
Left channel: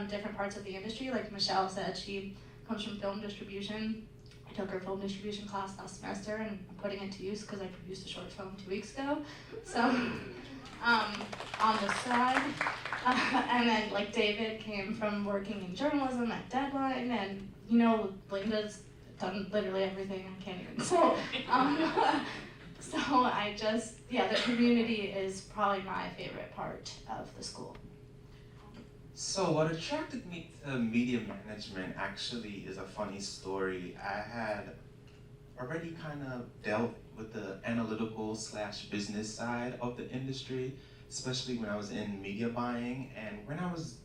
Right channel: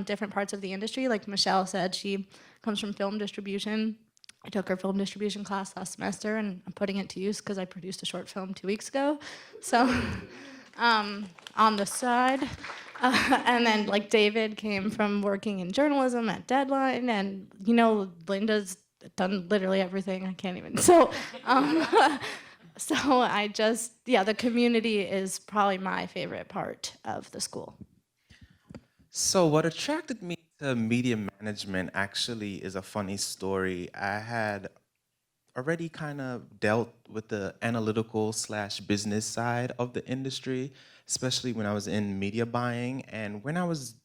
different parts of the industry. Like Michelle said, she comes from film distribution. I took her film distribution class last semester, and I'm putting it to use because I produced a short film 2 weeks ago. So on the side. And then like David came from working in journalism at Deadline, and you know, Linda's done literally everything. I can't even. So I just, the community is probably my favorite part of the school. So what attracted me to media management actually is a funny story. I had already kind of dealt with the analytical / business side of the industry, especially when I was in media buying. And when I was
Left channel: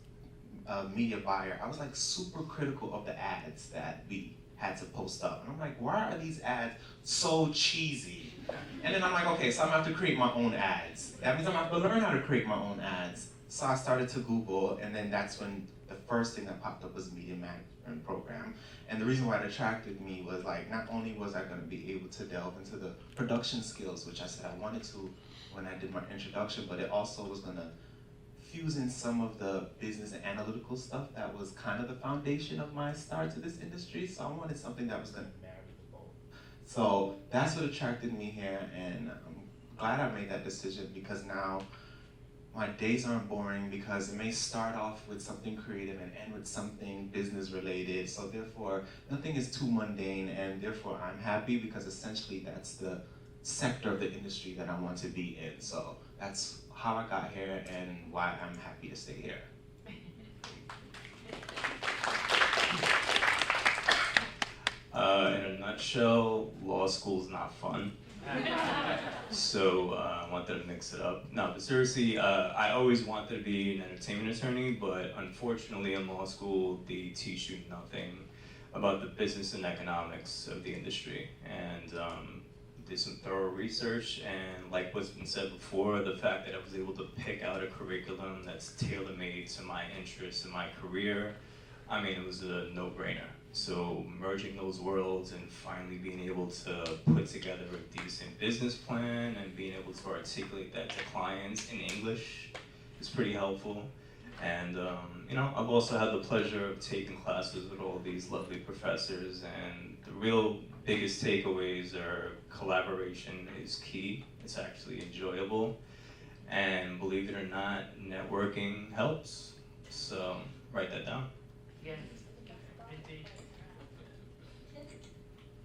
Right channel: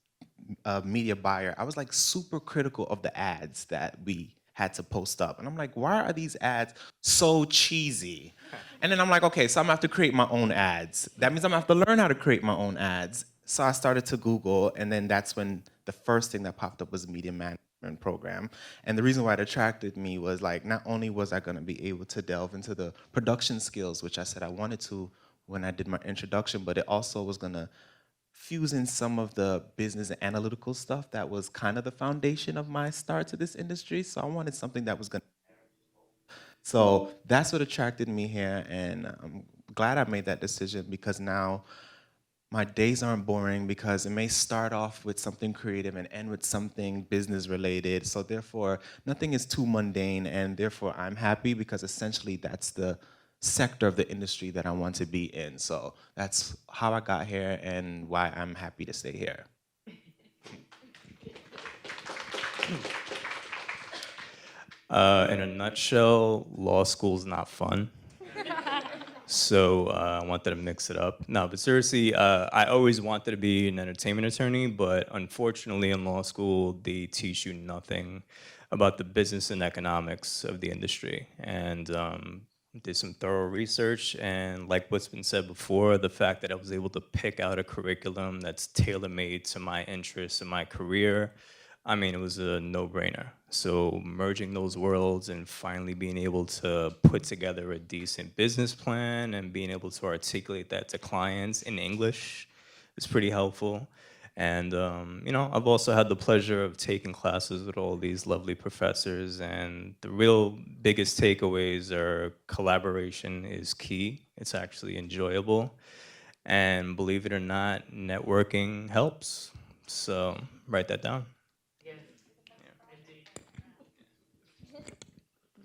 a media buyer, I was like super critical of the ads that we had to post up. And I'm like, why are these ads so cheesy? And then I'm like, okay, so I'm gonna have to create my own ads. That means I'm gonna have to learn how to create my own ads. So I started to Google, and then that's when the first thing that popped up was media management program. And the reason why it attracted me was like, not only was I gonna be able to delve into the production skills, which I said I wanted to when I did my introduction, but it also was gonna fuse in some of the business and analytical stuff that was kind of the foundation of my start to this industry. So I wanted something that was gonna marry both. So that's what attracted me here, and I'm glad I made that decision because now my days aren't boring because it may start off with something creative and end with something business related. So therefore, nothing is too mundane, and therefore I'm happy because essentially that's the sector of the industry that I want to be in. So that's how I got here and why I'm happy to stay here. In a nutshell, law school's not fun. So I wanted to mix it up. No, but seriously, I always wanted to be an entertainment attorney, but unfortunately in law school, they teach you nothing about the business and economics of the industry. And did some thorough research, and like what's been said before, the fact that I was able to pick out a curriculum that's tailor-made to my interests and my career, I mean, it was a no-brainer. So merging those worlds and finally being able to put together a decent business plan and being able to articulate that to clients in English is pretty helpful. And I've also had the pleasure of taking classes with all these lovely professors, and the real biggest takeaways are collaboration is key. It's actually enjoyable. And believe it or not, networking helps. So write that down. Yes, indeed.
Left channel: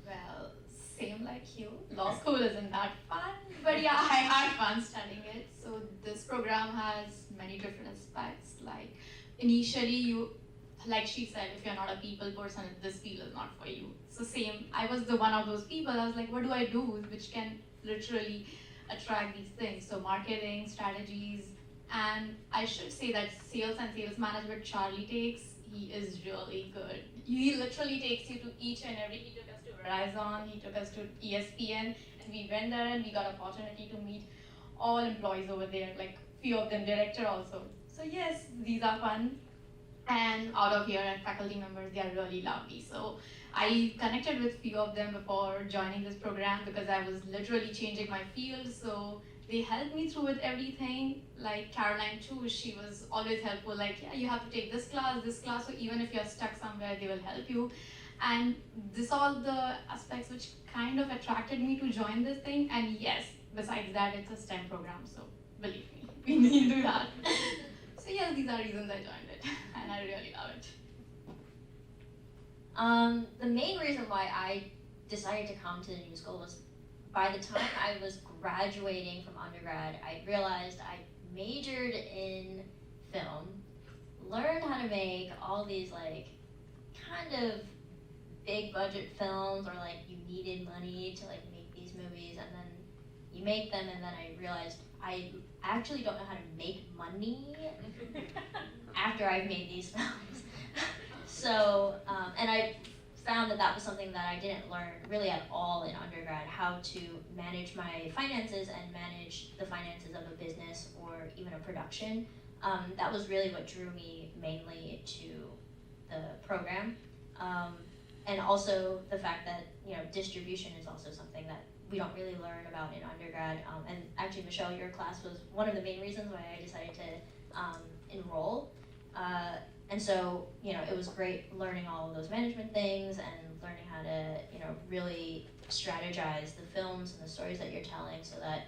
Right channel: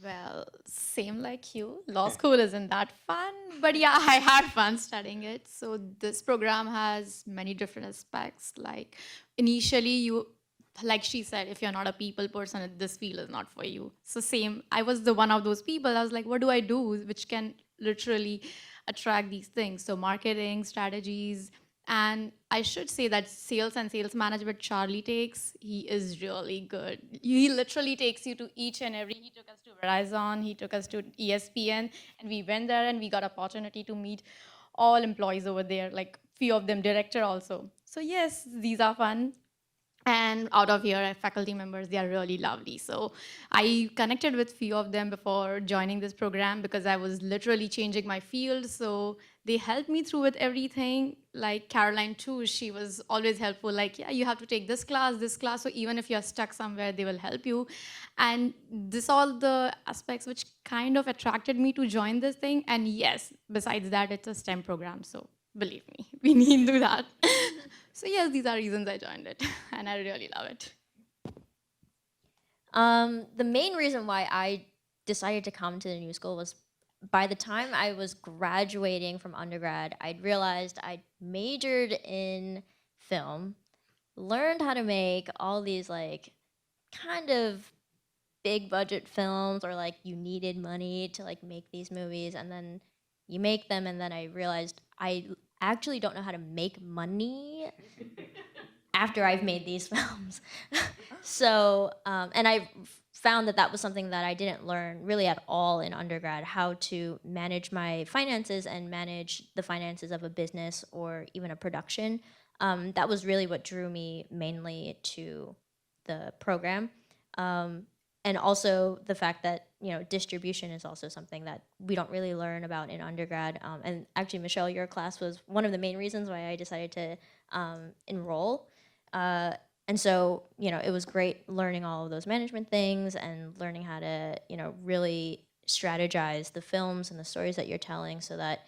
Well, same like you. Law school isn't that fun, but yeah, I had fun studying it. So this program has many different aspects. Like initially you, like she said, if you're not a people person, this field is not for you. So same, I was the one of those people. I was like, what do I do which can literally attract these things? So marketing, strategies, and I should say that sales and sales management Charlie takes, he is really good. He literally takes you to each and every, he took us to Verizon, he took us to ESPN, and we went there and we got opportunity to meet all employees over there, like few of them director also. So yes, these are fun. And out of here, faculty members, they are really lovely. So I connected with few of them before joining this program because I was literally changing my field. So they helped me through with everything. Like Caroline too, she was always helpful. Like, yeah, you have to take this class. So even if you're stuck somewhere, they will help you. And this all the aspects which kind of attracted me to join this thing. And yes, besides that, it's a STEM program. So believe me, we need to do that. So yes, these are reasons I joined it, and I really love it. The main reason why I decided to come to the new school was by the time I was graduating from undergrad, I'd realized I'd majored in film, learned how to make all these like kind of big budget films, or like you needed money to like make these movies, and then you make them, and then I realized I actually don't know how to make money after I've made these films. So, and I found that was something that I didn't learn really at all in undergrad, how to manage my finances and manage the finances of a business or even a production. That was really what drew me mainly to the program. And also the fact that, distribution is also something that we don't really learn about in undergrad. And actually, Michelle, your class was one of the main reasons why I decided to enroll. And so, it was great learning all of those management things and learning how to, really strategize the films and the stories that you're telling so that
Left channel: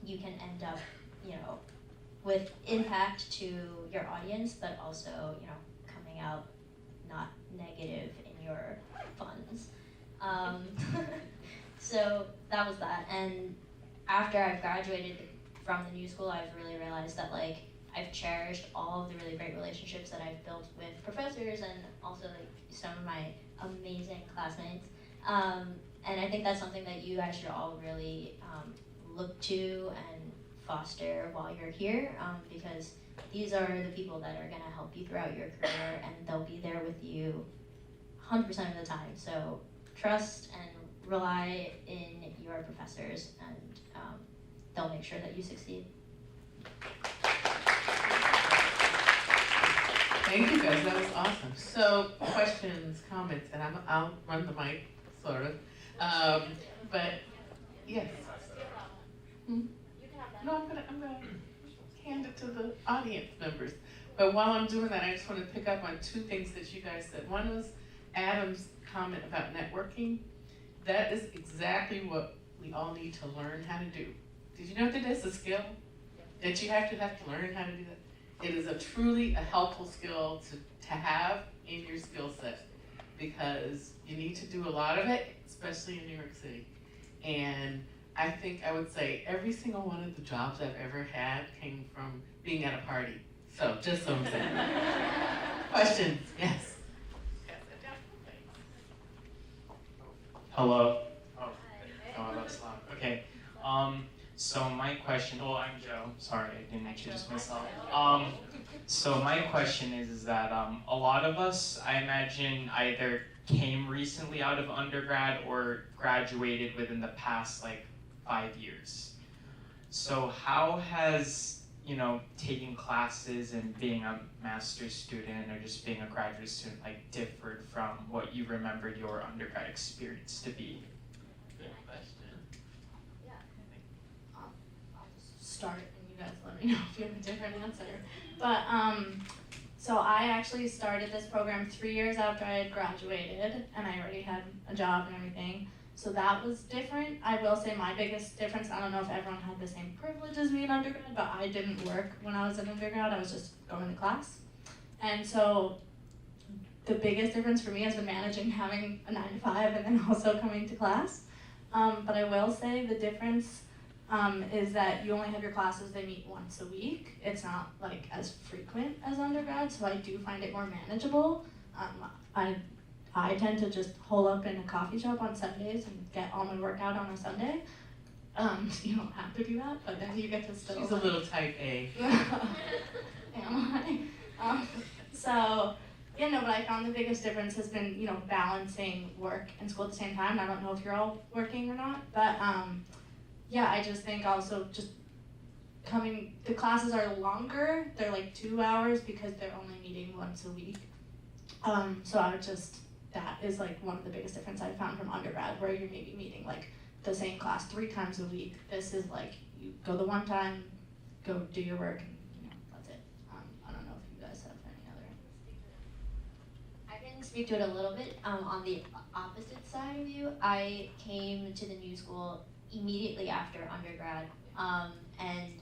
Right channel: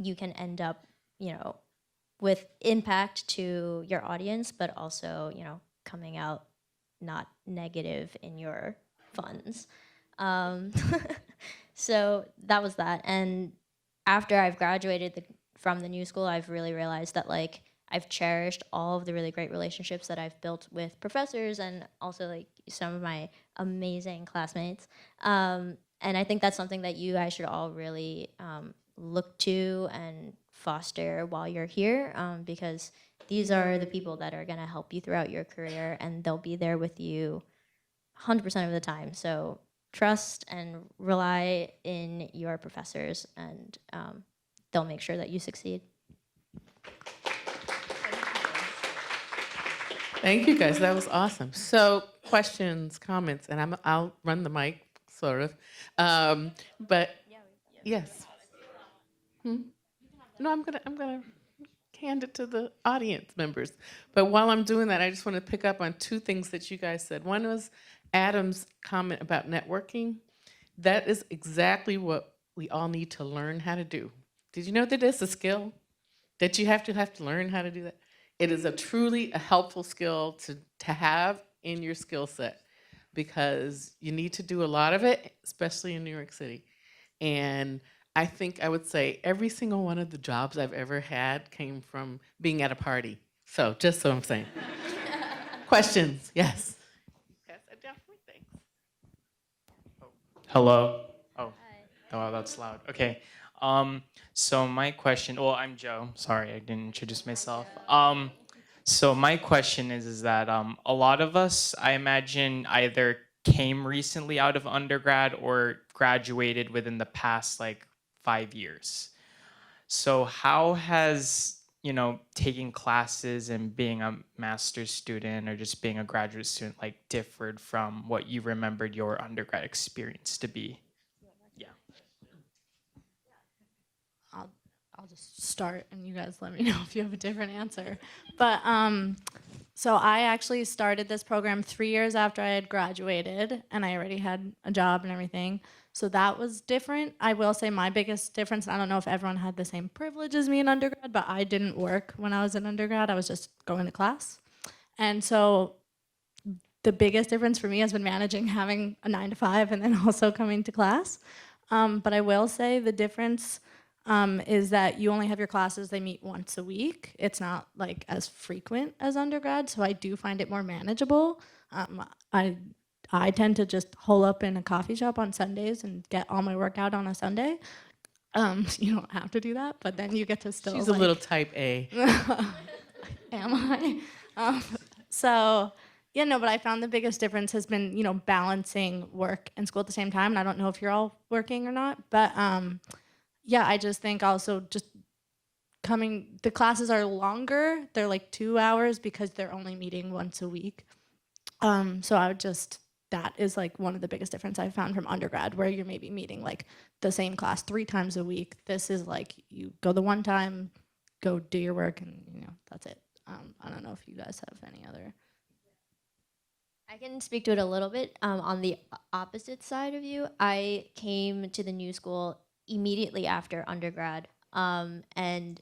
you can end up, with impact to your audience, but also, coming out not negative in your funds. So that was that. And after I've graduated from the new school, I've really realized that I've cherished all of the really great relationships that I've built with professors and also some of my amazing classmates. And I think that's something that you guys should all really look to and foster while you're here, because these are the people that are going to help you throughout your career, and they'll be there with you 100% of the time. So trust and rely in your professors, and they'll make sure that you succeed. Thank you guys, that was awesome. So questions, comments, and I'll run the mic, sort of. But yes. No, I'm gonna hand it to the audience members. But while I'm doing that, I just want to pick up on two things that you guys said. One was Adam's comment about networking, that is exactly what we all need to learn how to do. Did you know that it's a skill? That you have to learn how to do that? It is truly a helpful skill to have in your skill set, because you need to do a lot of it, especially in New York City. And I think I would say every single one of the jobs I've ever had came from being at a party. So just so I'm saying. Questions? Yes. Hello. Oh, that's loud. Okay. So my question. Well, I'm Joe. Sorry, I didn't introduce myself. So my question is that a lot of us, I imagine, either came recently out of undergrad or graduated within the past 5 years. So how has taking classes and being a master's student or just being a graduate student differed from what you remembered your undergrad experience to be? Yeah. I'll just start and you guys let me know if you have a different answer. But so I actually started this program 3 years after I had graduated, and I already had a job and everything. So that was different. I will say my biggest difference, I don't know if everyone had the same privilege as me in undergrad, but I didn't work when I was in undergrad. I was just going to class. And so the biggest difference for me has been managing having a 9 to 5 and then also coming to class. But I will say the difference is that you only have your classes, they meet once a week. It's not as frequent as undergrad, so I do find it more manageable. I tend to just hole up in a coffee shop on Sundays and get all my work out on a Sunday. You don't have to do that, but then you get to still. She's a little type A. Am I? But I found the biggest difference has been, balancing work and school at the same time. And I don't know if you're all working or not, but I just think also just the classes are longer. They're 2 hours because they're only meeting once a week. That is one of the biggest difference I found from undergrad, where you're maybe meeting the same class 3 times a week. This is you go the one time, go do your work, and that's it. I don't know if you guys have any other. I can speak to it a little bit. On the opposite side of you, I came to the new school immediately after undergrad, and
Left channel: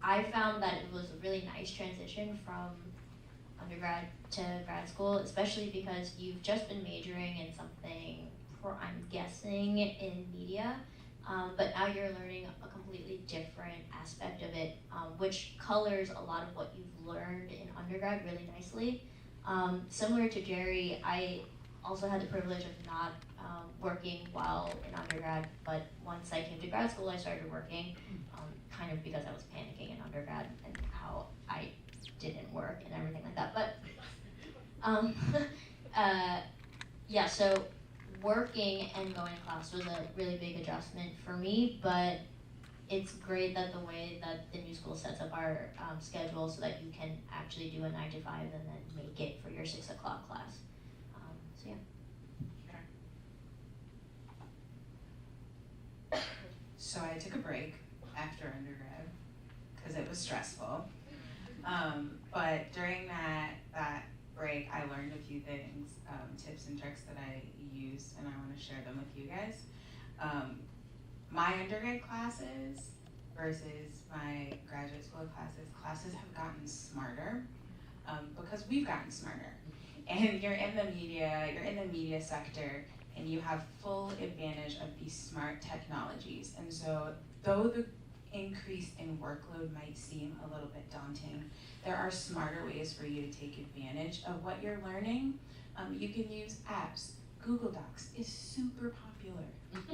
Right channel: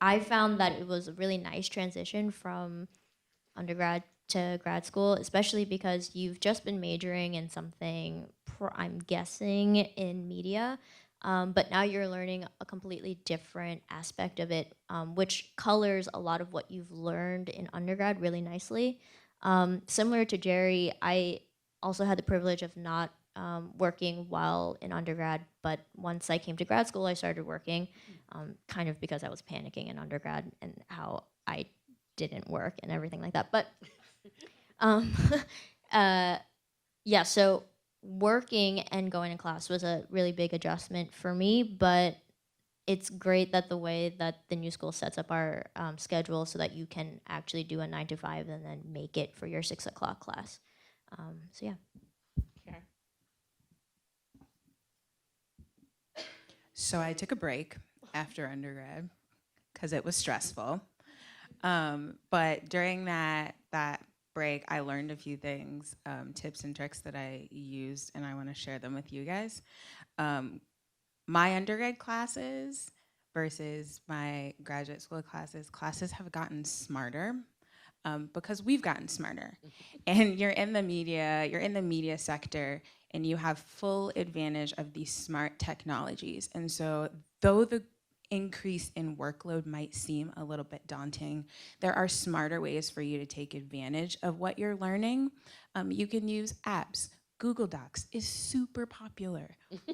I found that it was a really nice transition from undergrad to grad school, especially because you've just been majoring in something, I'm guessing, in media, but now you're learning a completely different aspect of it, which colors a lot of what you've learned in undergrad really nicely. Similar to Jerry, I also had the privilege of not working while in undergrad, but once I came to grad school, I started working, kind of because I was panicking in undergrad and how I didn't work and everything like that. But so working and going to class was a really big adjustment for me, but it's great that the way that the new school sets up our schedule so that you can actually do a 9 to 5 and then make it for your 6 o'clock class. So I took a break after undergrad because it was stressful. But during that break, I learned a few things, tips and tricks that I used, and I want to share them with you guys. My undergrad classes versus my graduate school classes have gotten smarter because we've gotten smarter. And you're in the media sector, and you have full advantage of these smart technologies. And so though the increase in workload might seem a little bit daunting, there are smarter ways for you to take advantage of what you're learning. You can use apps. Google Docs is super popular.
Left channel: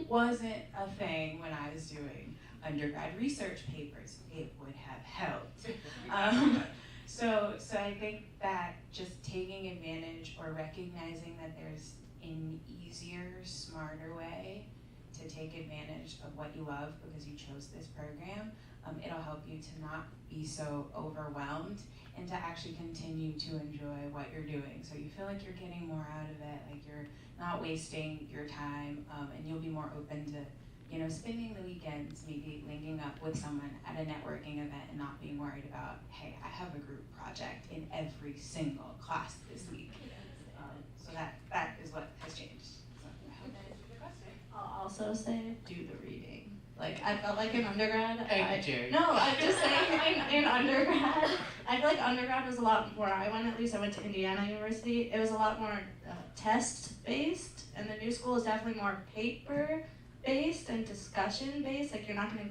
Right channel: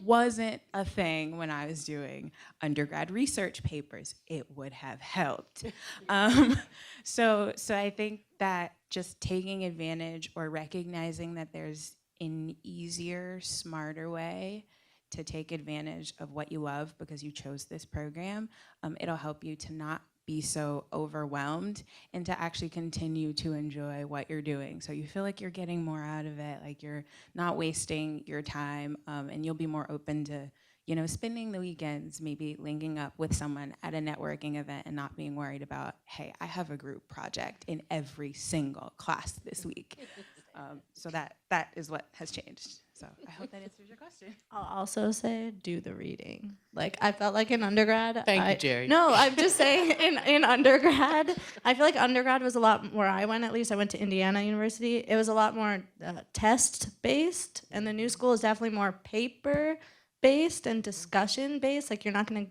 Wasn't a thing when I was doing undergrad research papers. It would have helped. So I think that just taking advantage or recognizing that there's an easier, smarter way to take advantage of what you love because you chose this program, it'll help you to not be so overwhelmed and to actually continue to enjoy what you're doing. So you feel like you're getting more out of it, like you're not wasting your time, and you'll be more open to, spending the weekends, maybe linking up with someone at a networking event and not being worried about, hey, I have a group project in every single class this week. So that is what has changed. So I hope that answers your question. I'll also say do the reading. Like I felt like in undergrad. Thank you, Jerry. No, I'm just saying in undergrad, I feel like undergrad was a lot where I went. At least I went to Indiana University. It was a lot more test based, and the new school is definitely more paper based and discussion based. Like you're not gonna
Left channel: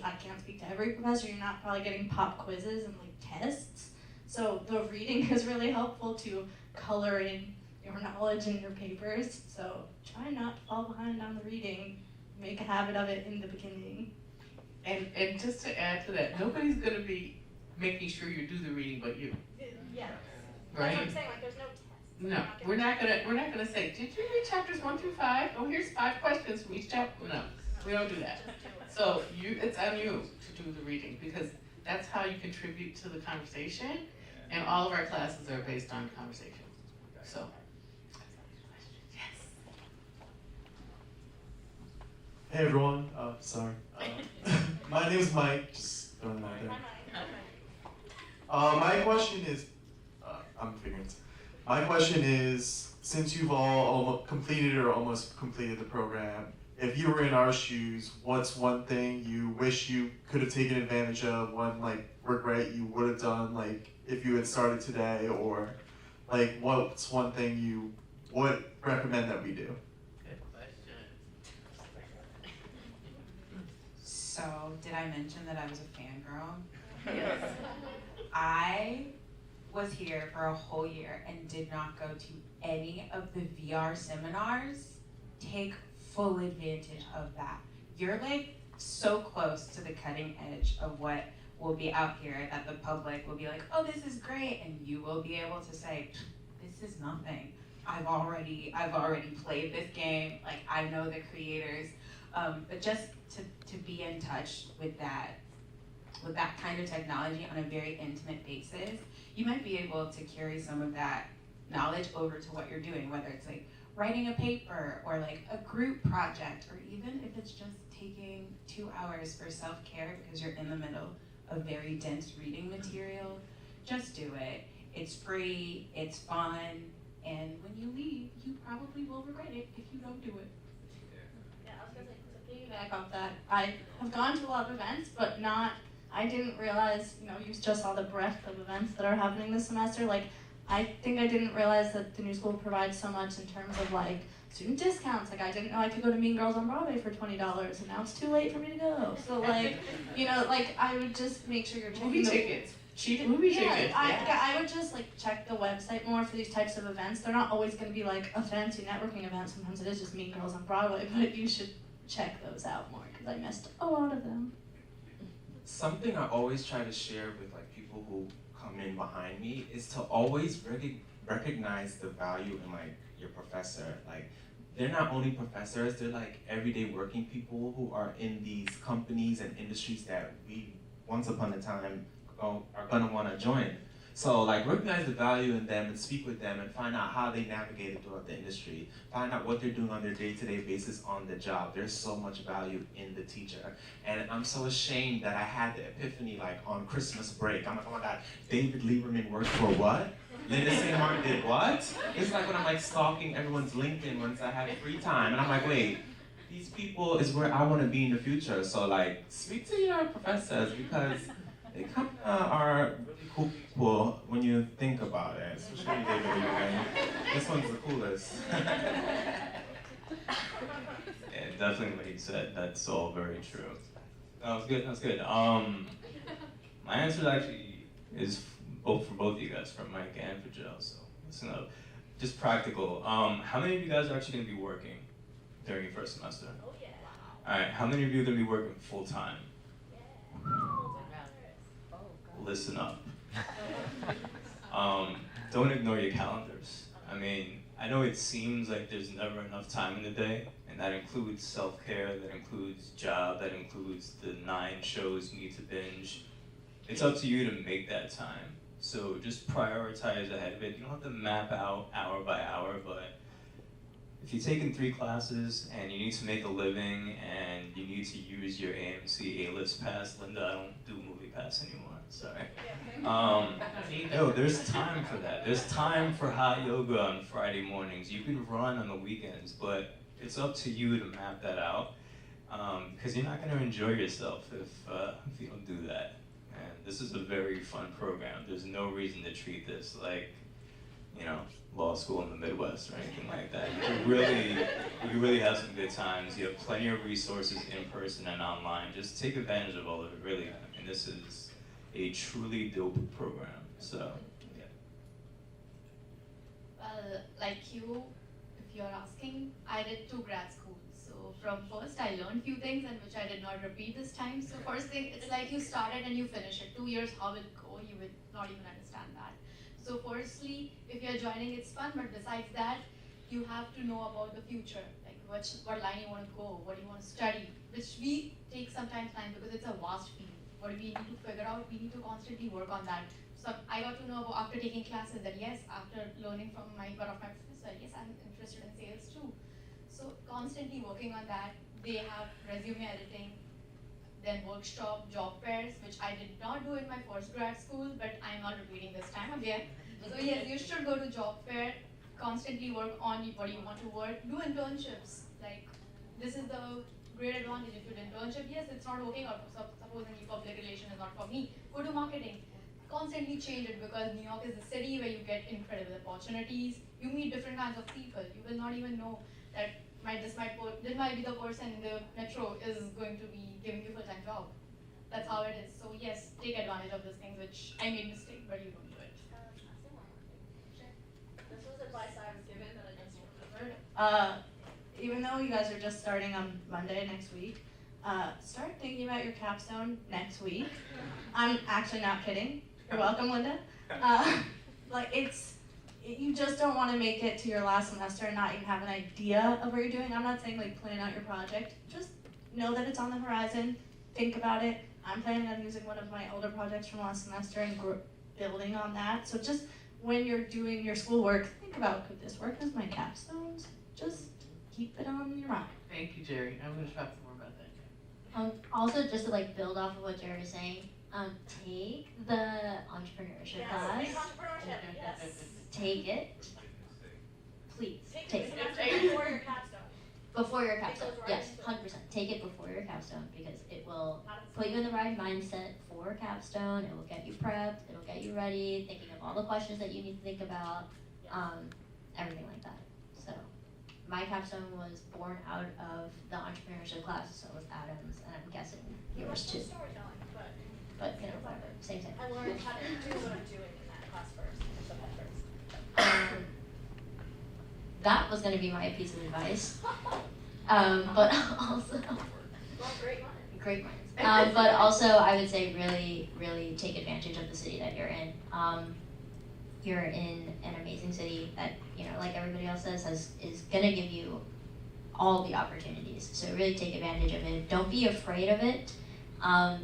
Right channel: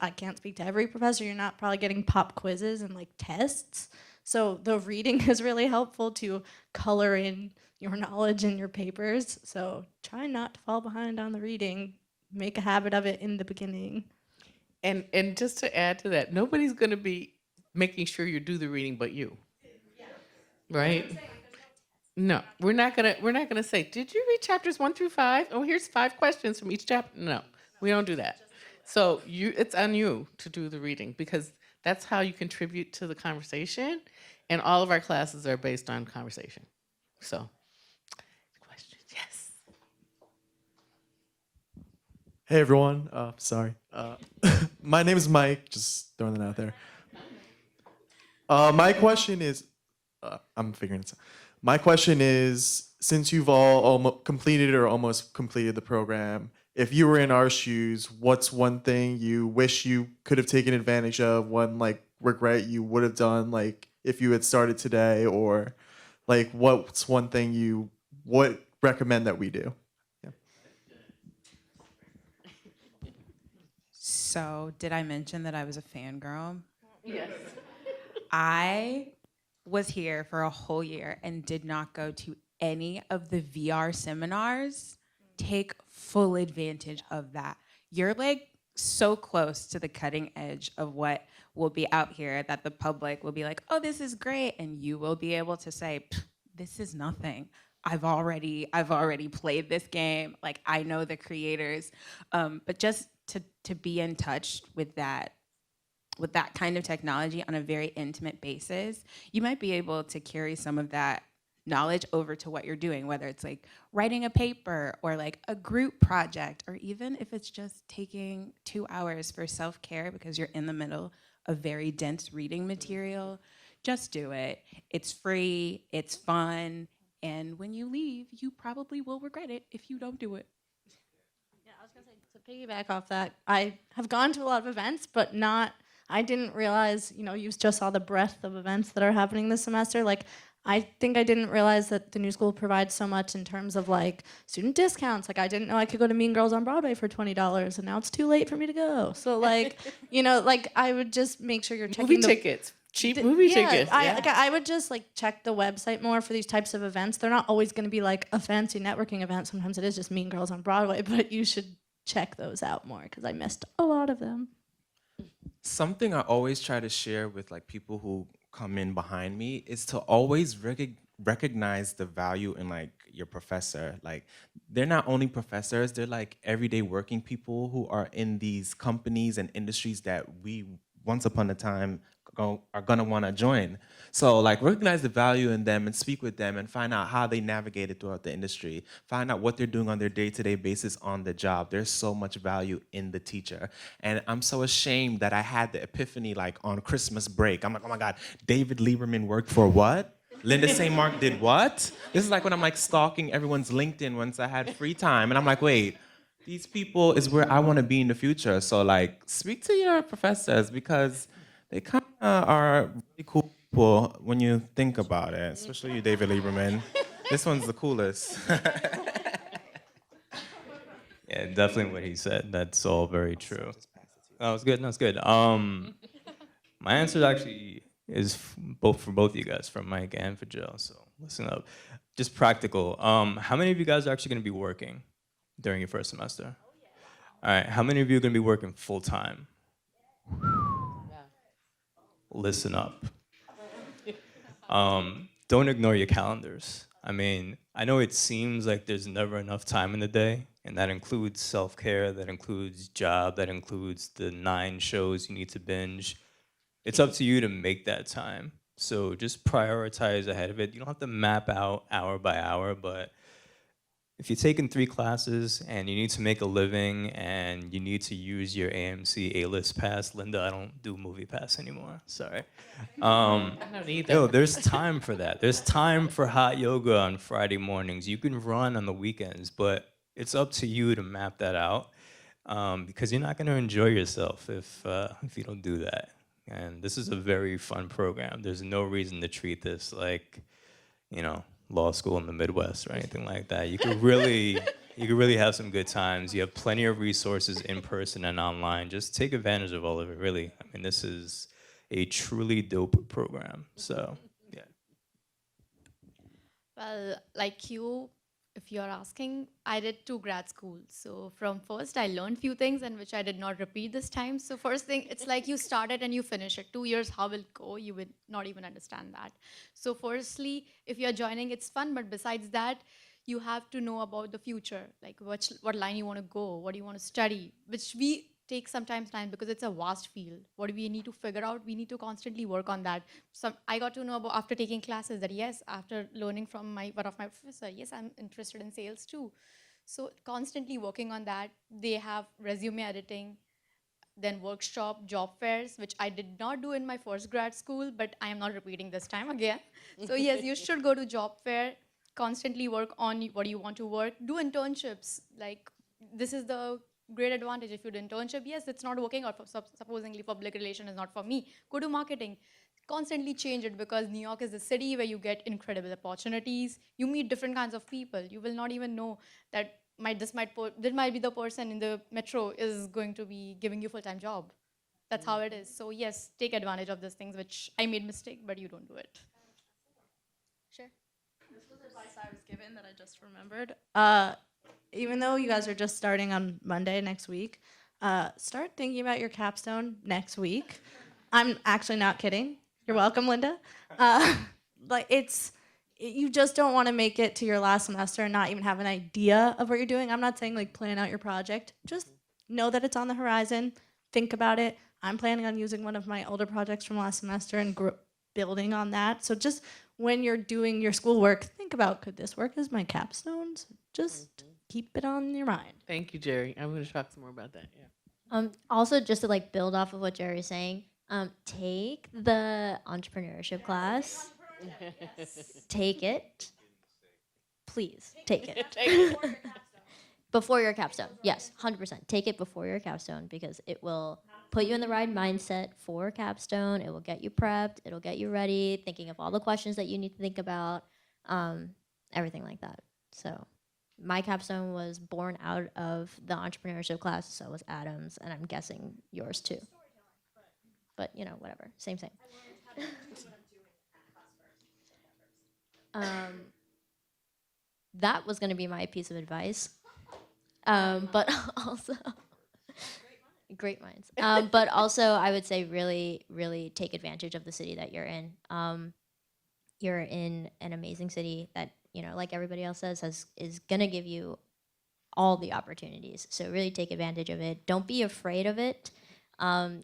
I can't speak to every professor. You're not probably getting pop quizzes and like tests. So the reading is really helpful to color in your knowledge in your papers. So try not to fall behind on the reading. Make a habit of it in the beginning. And just to add to that, nobody's gonna be making sure you do the reading but you. Yeah. Right? That's what I'm saying, like there's no test. No, we're not gonna say, did you read chapters 1 through 5? Oh, here's 5 questions from each chapter. No, we don't do that. So it's on you to do the reading because that's how you contribute to the conversation, and all of our classes are based on conversation. So, yes. Hey everyone, sorry. My name is Mike, just throwing it out there. My question is, I'm figuring this out. My question is, since you've all completed or almost completed the program, if you were in our shoes, what's one thing you wish you could have taken advantage of, one like regret you would have done like if you had started today, or like what's one thing you would recommend that we do? So, did I mention that I was a fangirl? Yes. I was here for a whole year and did not go to any of the VR seminars. Take full advantage of that. You're like so close to the cutting edge of what will be out here that the public will be like, oh, this is great. And you will be able to say, this is nothing. I've already played this game. Like I know the creators. But just to be in touch with that kind of technology on a very intimate basis, you might be able to carry some of that knowledge over to what you're doing, whether it's like writing a paper or like a group project, or even if it's just taking 2 hours for self-care because you're in the middle of very dense reading material. Just do it. It's free, it's fun, and when you leave, you probably will regret it if you don't do it. Piggyback off that, I have gone to a lot of events, but I didn't realize, you just saw the breadth of events that are happening this semester. Like, I think I didn't realize that the new school provides so much in terms of, like, student discounts. Like, I didn't know I could go to Mean Girls on Broadway for $20, and now it's too late for me to go. So, like, like, I would just make sure you're checking Movie tickets. Cheap movie tickets. I would just, like, check the website more for these types of events. They're not always going to be, like, a fancy networking event. Sometimes it is just Mean Girls on Broadway, but you should check those out more because I missed a lot of them. Something I always try to share with like people who come in behind me is to always recognize the value in like your professor. Like they're not only professors, they're like everyday working people who are in these companies and industries that we once upon a time are gonna want to join. So like recognize the value in them and speak with them and find out how they navigated throughout the industry. Find out what they're doing on their day-to-day basis on the job. There's so much value in the teacher. And I'm so ashamed that I had the epiphany like on Christmas break. I'm like, oh my God, David Lieberman worked for what? Linda St. Mark did what? This is like when I'm like stalking everyone's LinkedIn once I had free time. And I'm like, wait, these people is where I want to be in the future. So like speak to your professors because they kind of are really cool people when you think about it, especially you, David Lieberman. This one's the coolest. Yeah, definitely what he said. That's all very true. That was good. That's good. My answer actually is both for both of you guys, for Mike and for Jill. So listen up. Just practical. How many of you guys are actually going to be working during your first semester? Oh, yeah. All right. How many of you are going to be working full time? Listen up. Don't ignore your calendars. I mean, I know it seems like there's never enough time in the day, and that includes self-care, that includes job, that includes the 9 shows you need to binge. It's up to you to make that time. So just prioritize ahead of it. You don't have to map out hour by hour, but if you're taking 3 classes and you need to make a living and you need to use your AMC A-list pass, Linda, I don't do movie pass anymore. Sorry. I don't either. Yo, there's time for that. There's time for hot yoga on Friday mornings. You can run on the weekends, but it's up to you to map that out, because you're not going to enjoy yourself if you don't do that. And this is a very fun program. There's no reason to treat this like, law school in the Midwest or anything like that. You could really have some good times. You have plenty of resources in person and online. Just take advantage of all of it, really. I mean, this is a truly dope program. So, yeah. Well, like you, if you're asking, I did 2 grad schools. So from first, I learned few things and which I did not repeat this time. So first thing, it's like you started and you finish it. 2 years, how will it go? You would not even understand that. So firstly, if you're joining, it's fun. But besides that, you have to know about the future, like what line you want to go, what you want to study, which we take sometimes time because it's a vast field. What we need to figure out, we need to constantly work on that. So I got to know about after taking classes that yes, after learning from one of my professor, yes, I'm interested in sales too. So constantly working on that. They have resume editing, then workshop, job fairs, which I did not do in my first grad school, but I'm not repeating this time again. So yes, you should go to job fair, constantly work on what you want to work, do internships. Like, this is the great advantage. If you do internship, yes, it's not working, or supposedly public relation is not for me, go to marketing. Constantly change it, because New York is a city where you get incredible opportunities. You meet different kinds of people. You will not even know that this might be the person in the metro is going to be giving you full-time job. That's how it is. So yes, take advantage of these things, which I made mistake, but you don't do it. Sure. This was advice I was given that I just remembered. Even though you guys are just starting on Monday next week, start thinking about your capstone next week. I'm actually not kidding. You're welcome, Linda. You just don't want to make it to your last semester and not even have an idea of what you're doing. I'm not saying plan out your project. Just know that it's on the horizon. Think about it. I'm planning on using one of my older projects from last semester and building on that. So just when you're doing your schoolwork, think about, could this work as my capstones? Just keep it on your mind. Thank you, Jerry. I'm going to talk some more about that. Yeah. Also, just to build off of what Jerry's saying, take the entrepreneurship class. Take it. Please, take it. Before your capstone. Before your capstone, yes, 100%. Take it before your capstone, because it will put you in the right mindset for capstone. It will get you prepped. It'll get you ready, thinking of all the questions that you need to think about, everything like that. So my capstone was born out of the entrepreneurship class, so was Adam's, and I'm guessing yours too. But whatever, same. I learned how to do what I'm doing in that class first. That was going to be my piece of advice. But also, great minds. But also, I would say really, really take advantage of the city that you're in. You're in an amazing city that, like everybody else says, is going to give you all the opportunities. So really take advantage of it. Don't be afraid of it.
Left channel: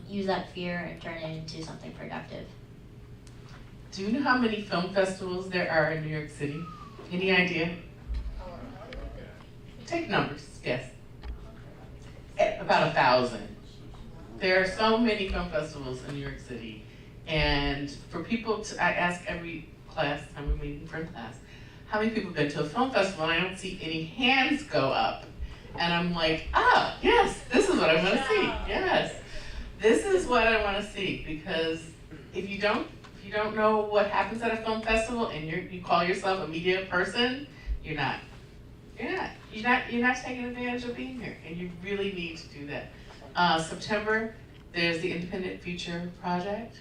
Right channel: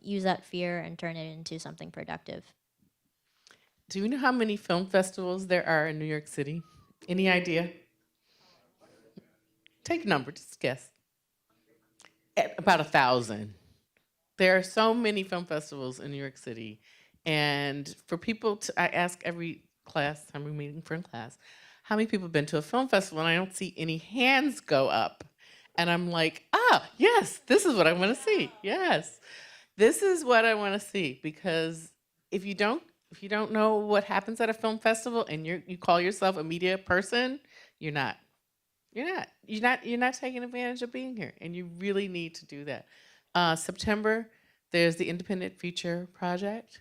Use that fear and turn it into something productive. Do you know how many film festivals there are in New York City? Any idea? Take a number, just guess. About 1,000. There are so many film festivals in New York City. And for people I ask every class, I'm meeting for a class, how many people have been to a film festival? And I don't see any hands go up. And I'm like, yes, this is what I want to see. Yes. This is what I want to see, because if you don't know what happens at a film festival and you call yourself a media person, you're not taking advantage of being here, and you really need to do that. September, there's the Independent Feature Project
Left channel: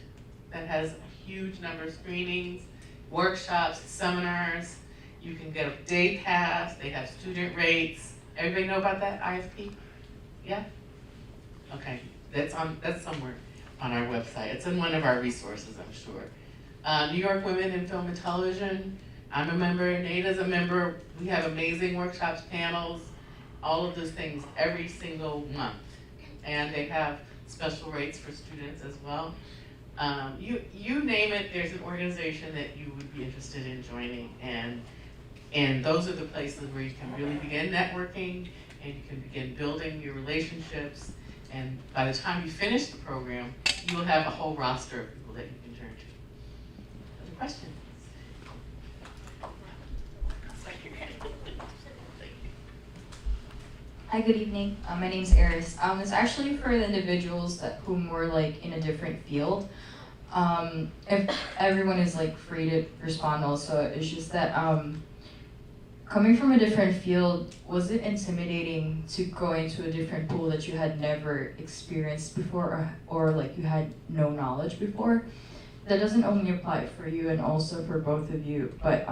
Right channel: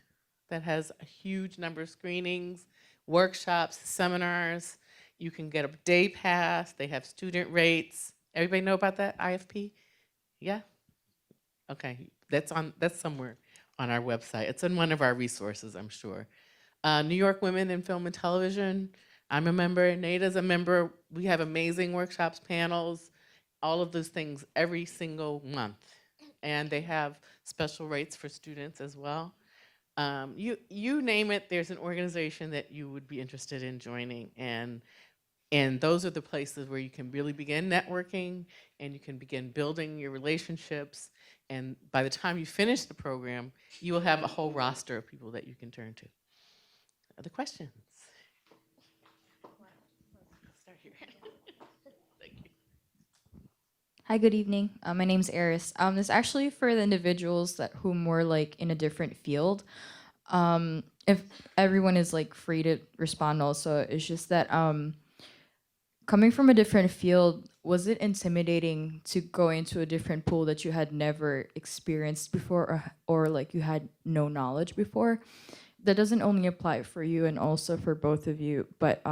that has a huge number of screenings, workshops, seminars. You can get a day pass. They have student rates. Everybody know about that, IFP? Yeah? Okay, that's somewhere on our website. It's in one of our resources, I'm sure. New York Women in Film and Television. I'm a member, Nada's a member. We have amazing workshops, panels, all of those things every single month. And they have special rates for students as well. You name it, there's an organization that you would be interested in joining. And And those are the places where you can really begin networking and you can begin building your relationships. And by the time you finish the program, you will have a whole roster of people that you can turn to. Other questions? Hi, good evening. My name's Eris. It's actually for the individuals whom were like in a different field. If everyone is like free to respond also, it's just that coming from a different field, was it intimidating to go into a different pool that you had never experienced before or like you had no knowledge before? That doesn't only apply for you and also for both of you, but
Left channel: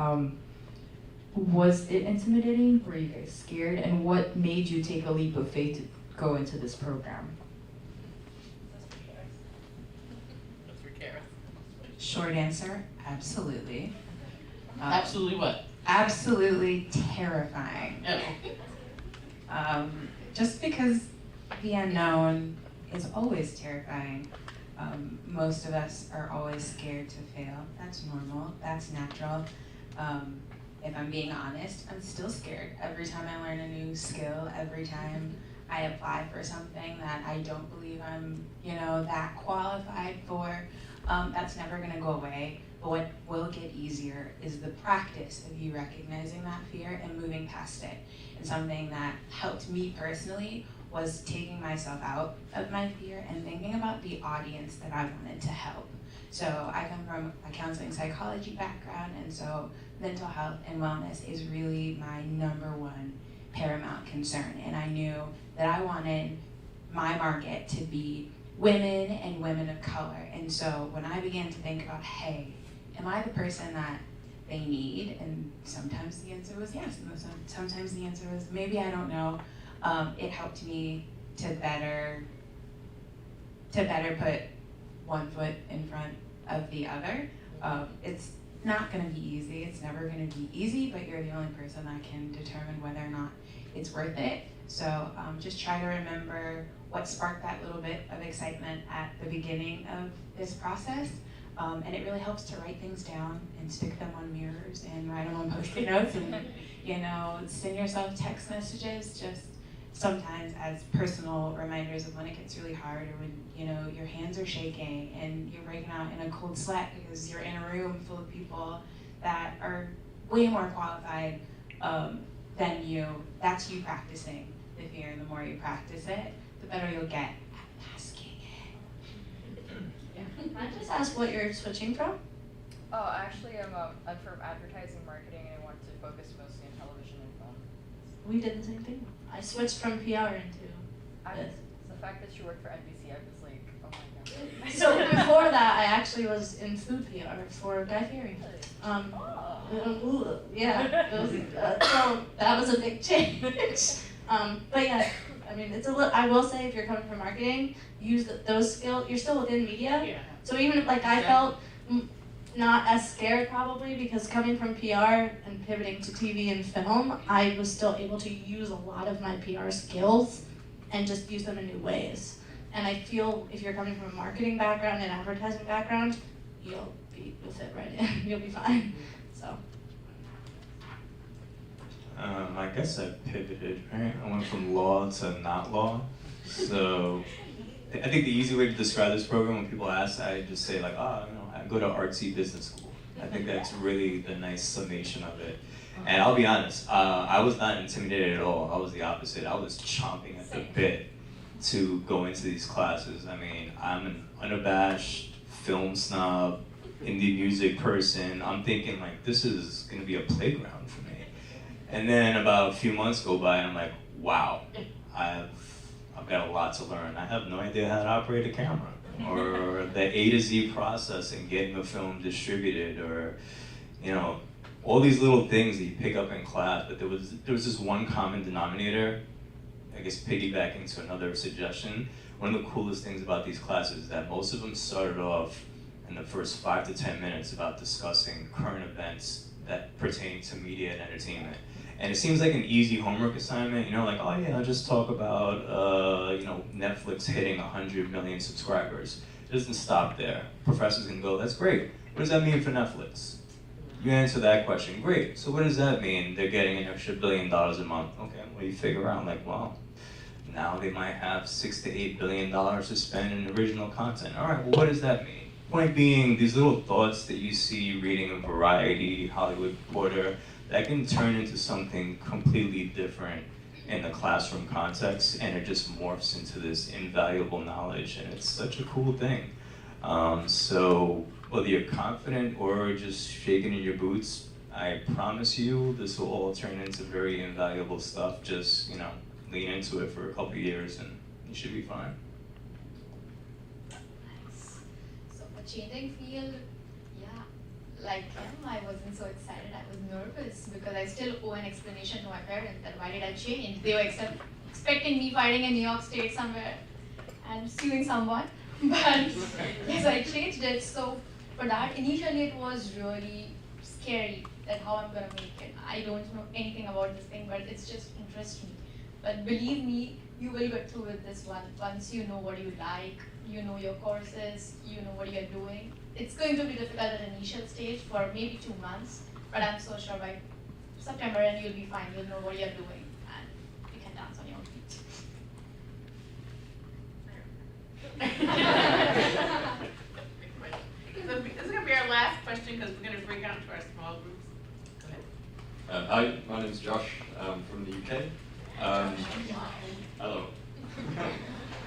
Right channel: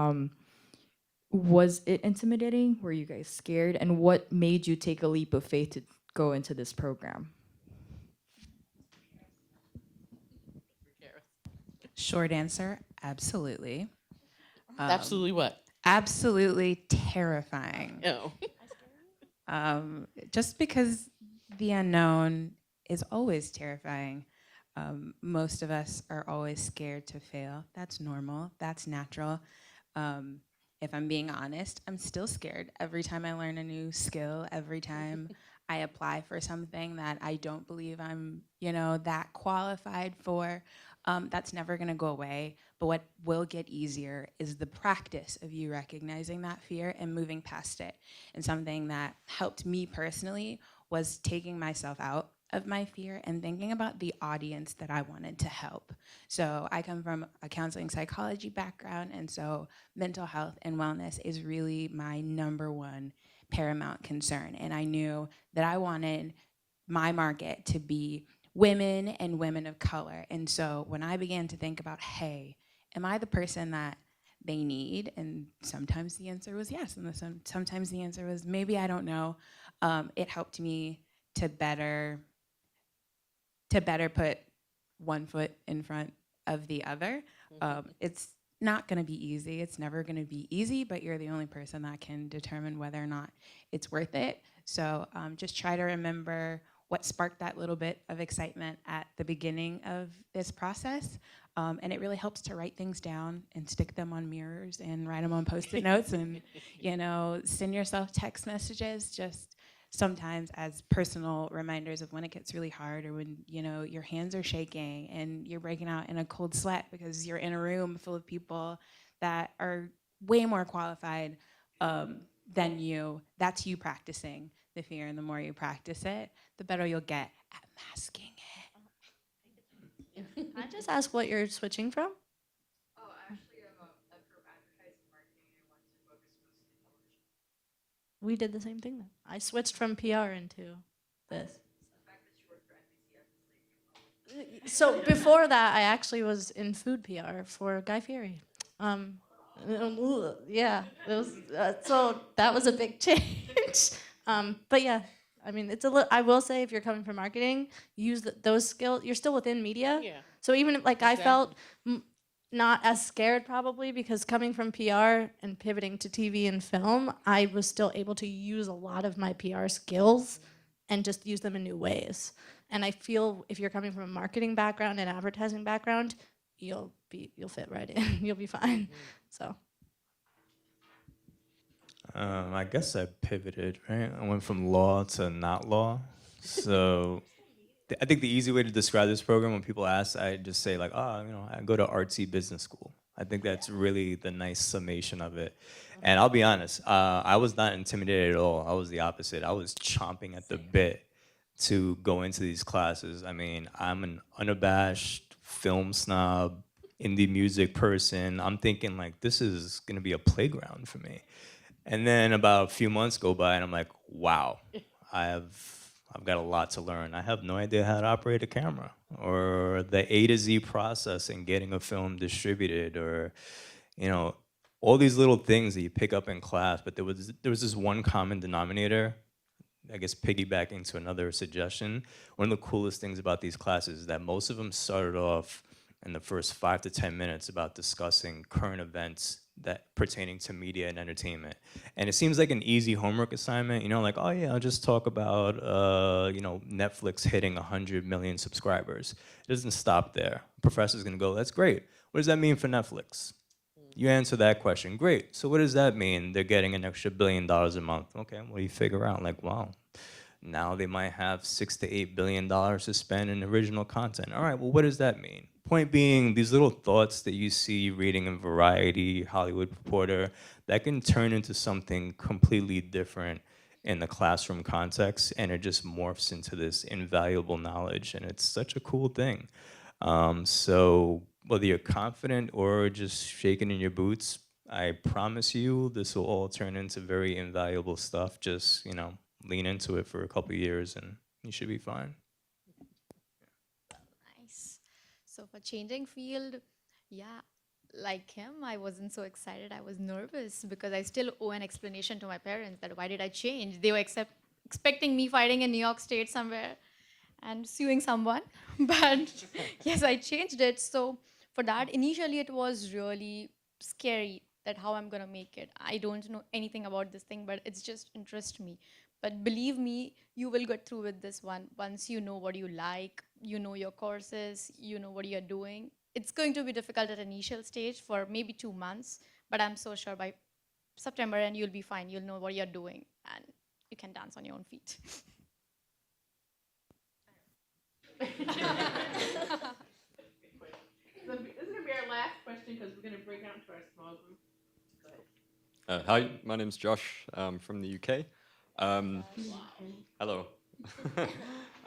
was it intimidating? Were you guys scared? And what made you take a leap of faith to go into this program? Short answer, absolutely. Absolutely what? Absolutely terrifying. No. Just because the unknown is always terrifying. Most of us are always scared to fail. That's normal. That's natural. If I'm being honest, I'm still scared every time I learn a new skill, every time I apply for something that I don't believe I'm, that qualified for. That's never gonna go away. But what will get easier is the practice of you recognizing that fear and moving past it. And something that helped me personally was taking myself out of my fear and thinking about the audience that I wanted to help. So I come from a counseling psychology background, and so mental health and wellness is really my number one paramount concern. And I knew that I wanted my market to be women and women of color. And so when I began to think about, hey, am I the person that they need? And sometimes the answer was yes, and sometimes the answer was maybe, I don't know. It helped me to better put one foot in front of the other. It's not gonna be easy, it's never gonna be easy, but you're the only person that can determine whether or not it's worth it. So just try to remember what sparked that little bit of excitement at the beginning of this process. And it really helps to write things down and stick them on mirrors and write them on Post-it notes and send yourself text messages just sometimes as personal reminders of when it gets really hard or when your hands are shaking and you're breaking out in a cold sweat because you're in a room full of people that are way more qualified than you. That's you practicing the fear, and the more you practice it, the better you'll get at masking it. Can I just ask what you're switching from? Oh, actually, I'm from advertising marketing, and I want to focus mostly on television and film. We did the same thing. I switched from PR into this. The fact that you work for NBC, I was like, oh my god. So before that, I actually was in food PR for Guy Fieri. Yeah, it was, so that was a big change. But yeah, I mean, it's a little. I will say, if you're coming from marketing, use those skills. You're still within media. Yeah. So even if, I felt not as scared probably because coming from PR and pivoting to TV and film, I was still able to use a lot of my PR skills and just use them in new ways. And I feel if you're coming from a marketing background and advertising background, you'll fit right in. You'll be fine. So. I guess I pivoted, right? I went from law to not law. So I think the easy way to describe this program, when people ask, I just say I go to artsy business school. I think that's really the nice summation of it. And I'll be honest, I was not intimidated at all. I was the opposite. I was chomping at the bit to go into these classes. I mean, I'm an unabashed film snob, indie music person. I'm thinking this is gonna be a playground for me. And then about a few months go by and I'm like, wow, I've got a lot to learn. I have no idea how to operate a camera or the A to Z process in getting a film distributed or, all these little things that you pick up in class. But there was this one common denominator, I guess piggybacking to another suggestion. One of the coolest things about these classes is that most of them started off in the first 5 to 10 minutes about discussing current events that pertaining to media and entertainment. And it seems like an easy homework assignment, oh yeah, I'll just talk about, Netflix hitting 100 million subscribers. It doesn't stop there. Professors can go, that's great. What does that mean for Netflix? You answer that question, great. So what does that mean? They're getting an extra $1 billion a month. Okay, what do you figure out? Like, well, now they might have $6 to $8 billion to spend in original content. All right, well, what does that mean? Point being, these little thoughts that you see reading in Variety, Hollywood Reporter, that can turn into something completely different in the classroom context, and it just morphs into this invaluable knowledge, and it's such a cool thing. So whether you're confident or just shaking in your boots, I promise you this will all turn into very invaluable stuff. Just, you know, lean into it for a couple years and you should be fine. Nice. So for changing field, yeah, like him, I wasn't so excited. I was nervous because I still owe an explanation to my parents that why did I change? They were expecting me fighting in New York State somewhere and suing someone. But yes, I changed it. So for that, initially it was really scary that how I'm gonna make it. I don't know anything about this thing, but it's just interests me. But believe me, you will get through with this one once you know what you like, you know your courses, you know what you're doing. It's going to be difficult at initial stage for maybe 2 months, but I'm so sure by September and you'll be fine. You'll know what you're doing and you can dance on your own feet. So this is gonna be our last question because we're gonna break out into our small groups. Go ahead. Hi, my name is Josh from the UK. Hello.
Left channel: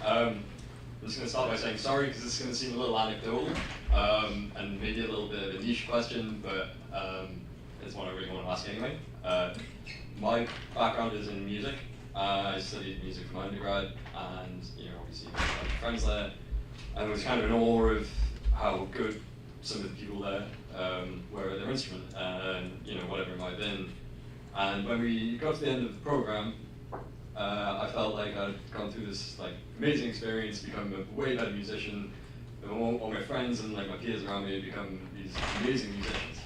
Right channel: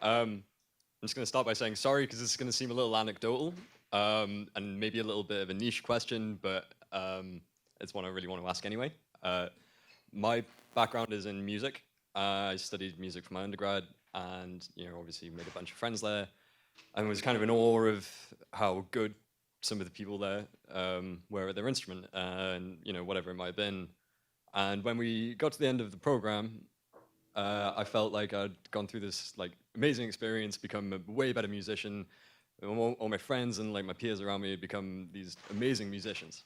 I'm just going to start by saying sorry because this is going to seem a little anecdotal and maybe a little bit of a niche question, but it's one I really want to ask anyway. My background is in music. I studied music for my undergrad, and obviously made a bunch of friends there, and was kind of in awe of how good some of the people there were at their instrument, and whatever it might have been. And when we got to the end of the program, I felt like I'd gone through this amazing experience, become a way better musician. All my friends and my peers around me had become these amazing musicians.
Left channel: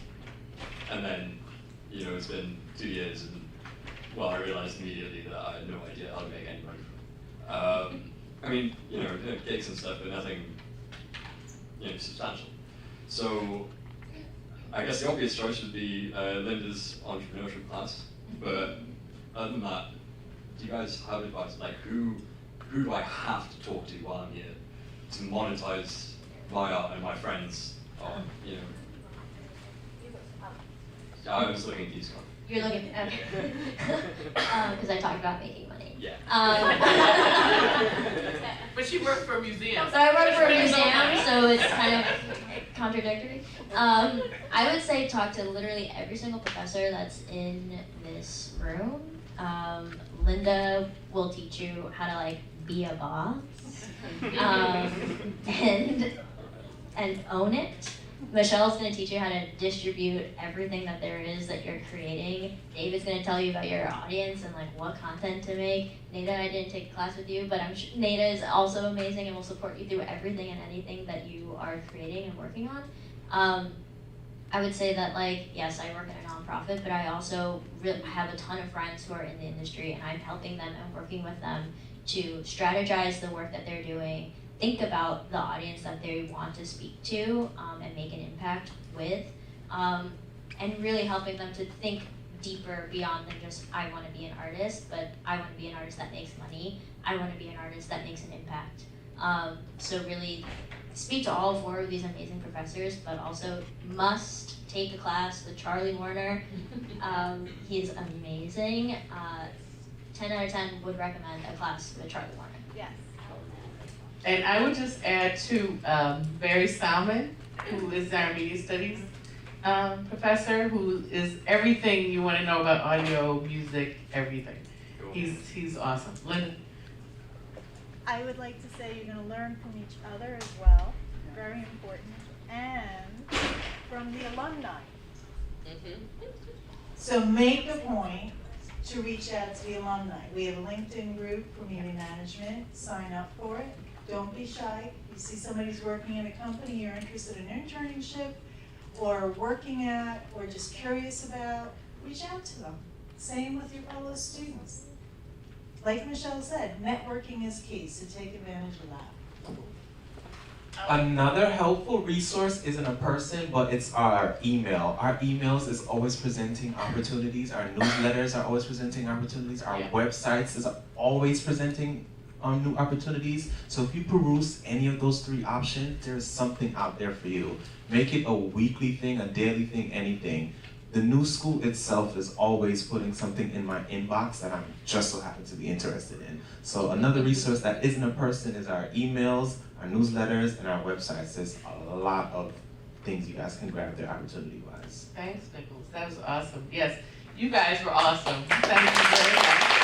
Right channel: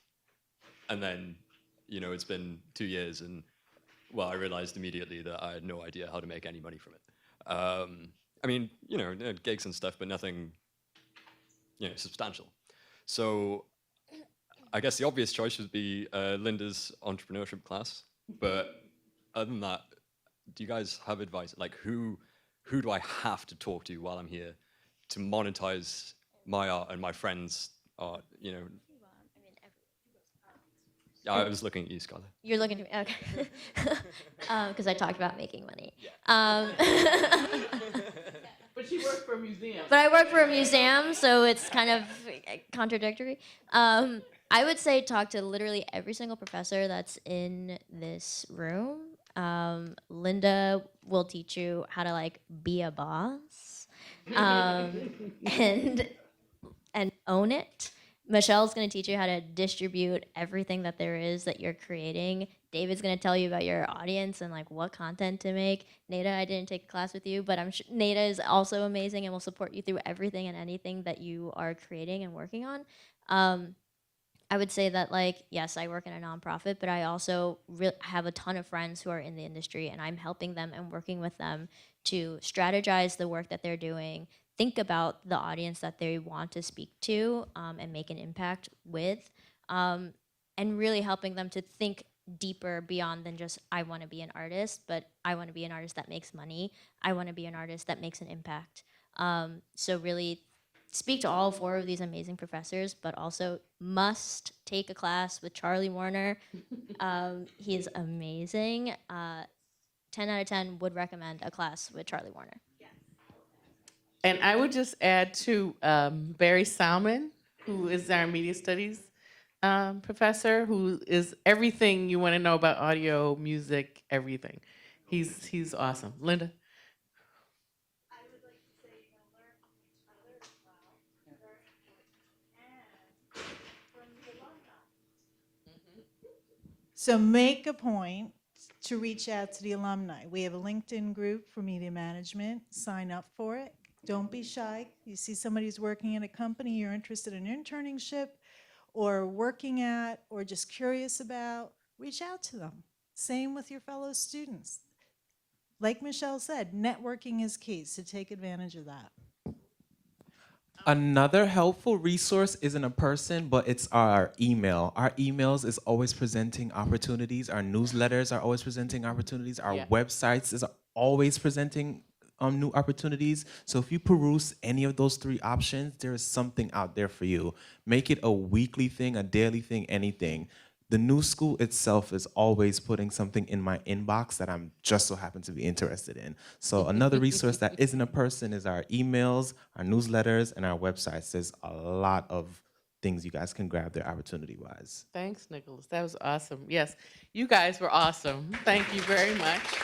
And then, it's been 2 years, and I realized immediately that I had no idea how to make any money from it. I mean, gigs and stuff, but nothing, substantial. So I guess the obvious choice would be Linda's entrepreneurship class, but other than that, do you guys have advice? Who do I have to talk to while I'm here to monetize my art and my friends' art? Yeah, I was looking at you, Scott. You're looking at me, okay. Because I talked about making money. Yeah. But she worked for a museum. But I work for a museum, so it's kind of contradictory. I would say talk to literally every single professor that's in this room. Linda will teach you how to be a boss, and own it. Michelle's going to teach you how to distribute everything that there is that you're creating. David's going to tell you about your audience and what content to make. Nada, I didn't take a class with you, but I'm sure Nada is also amazing and will support you through everything and anything that you are creating and working on. I would say that yes, I work in a nonprofit, but I also have a ton of friends who are in the industry, and I'm helping them and working with them to strategize the work that they're doing, think about the audience that they want to speak to and make an impact with, and really helping them to think deeper beyond than just I want to be an artist, but I want to be an artist that makes money. I want to be an artist that makes an impact. So really speak to all 4 of these amazing professors, but also must take a class with Charlie Warner. He is amazing. 10 out of 10 would recommend a class with Charlie Warner. Yes. And I would just add to Barry Salmon, who is our media studies professor, who is everything you want to know about audio, music, everything. He's awesome. Linda? I would like to say you're going to learn from each other as well, very important, and from the alumni. So make a point to reach out to the alumni. We have a LinkedIn group for media management. Sign up for it. Don't be shy. You see somebody's working in a company you're interested in internship or working at or just curious about, reach out to them. Same with your fellow students. Like Michelle said, networking is key, so take advantage of that. Another helpful resource isn't a person, but it's our email. Our emails is always presenting opportunities. Our newsletters are always presenting opportunities. Our websites is always presenting new opportunities. So if you peruse any of those three options, there's something out there for you. Make it a weekly thing, a daily thing, anything. The new school itself is always putting something in my inbox that I'm just so happen to be interested in. So another resource that isn't a person is our emails, our newsletters, and our websites. There's a lot of things you guys can grab there opportunity-wise. Thanks, Nichols. That was awesome. Yes, you guys were awesome. Thank you very much.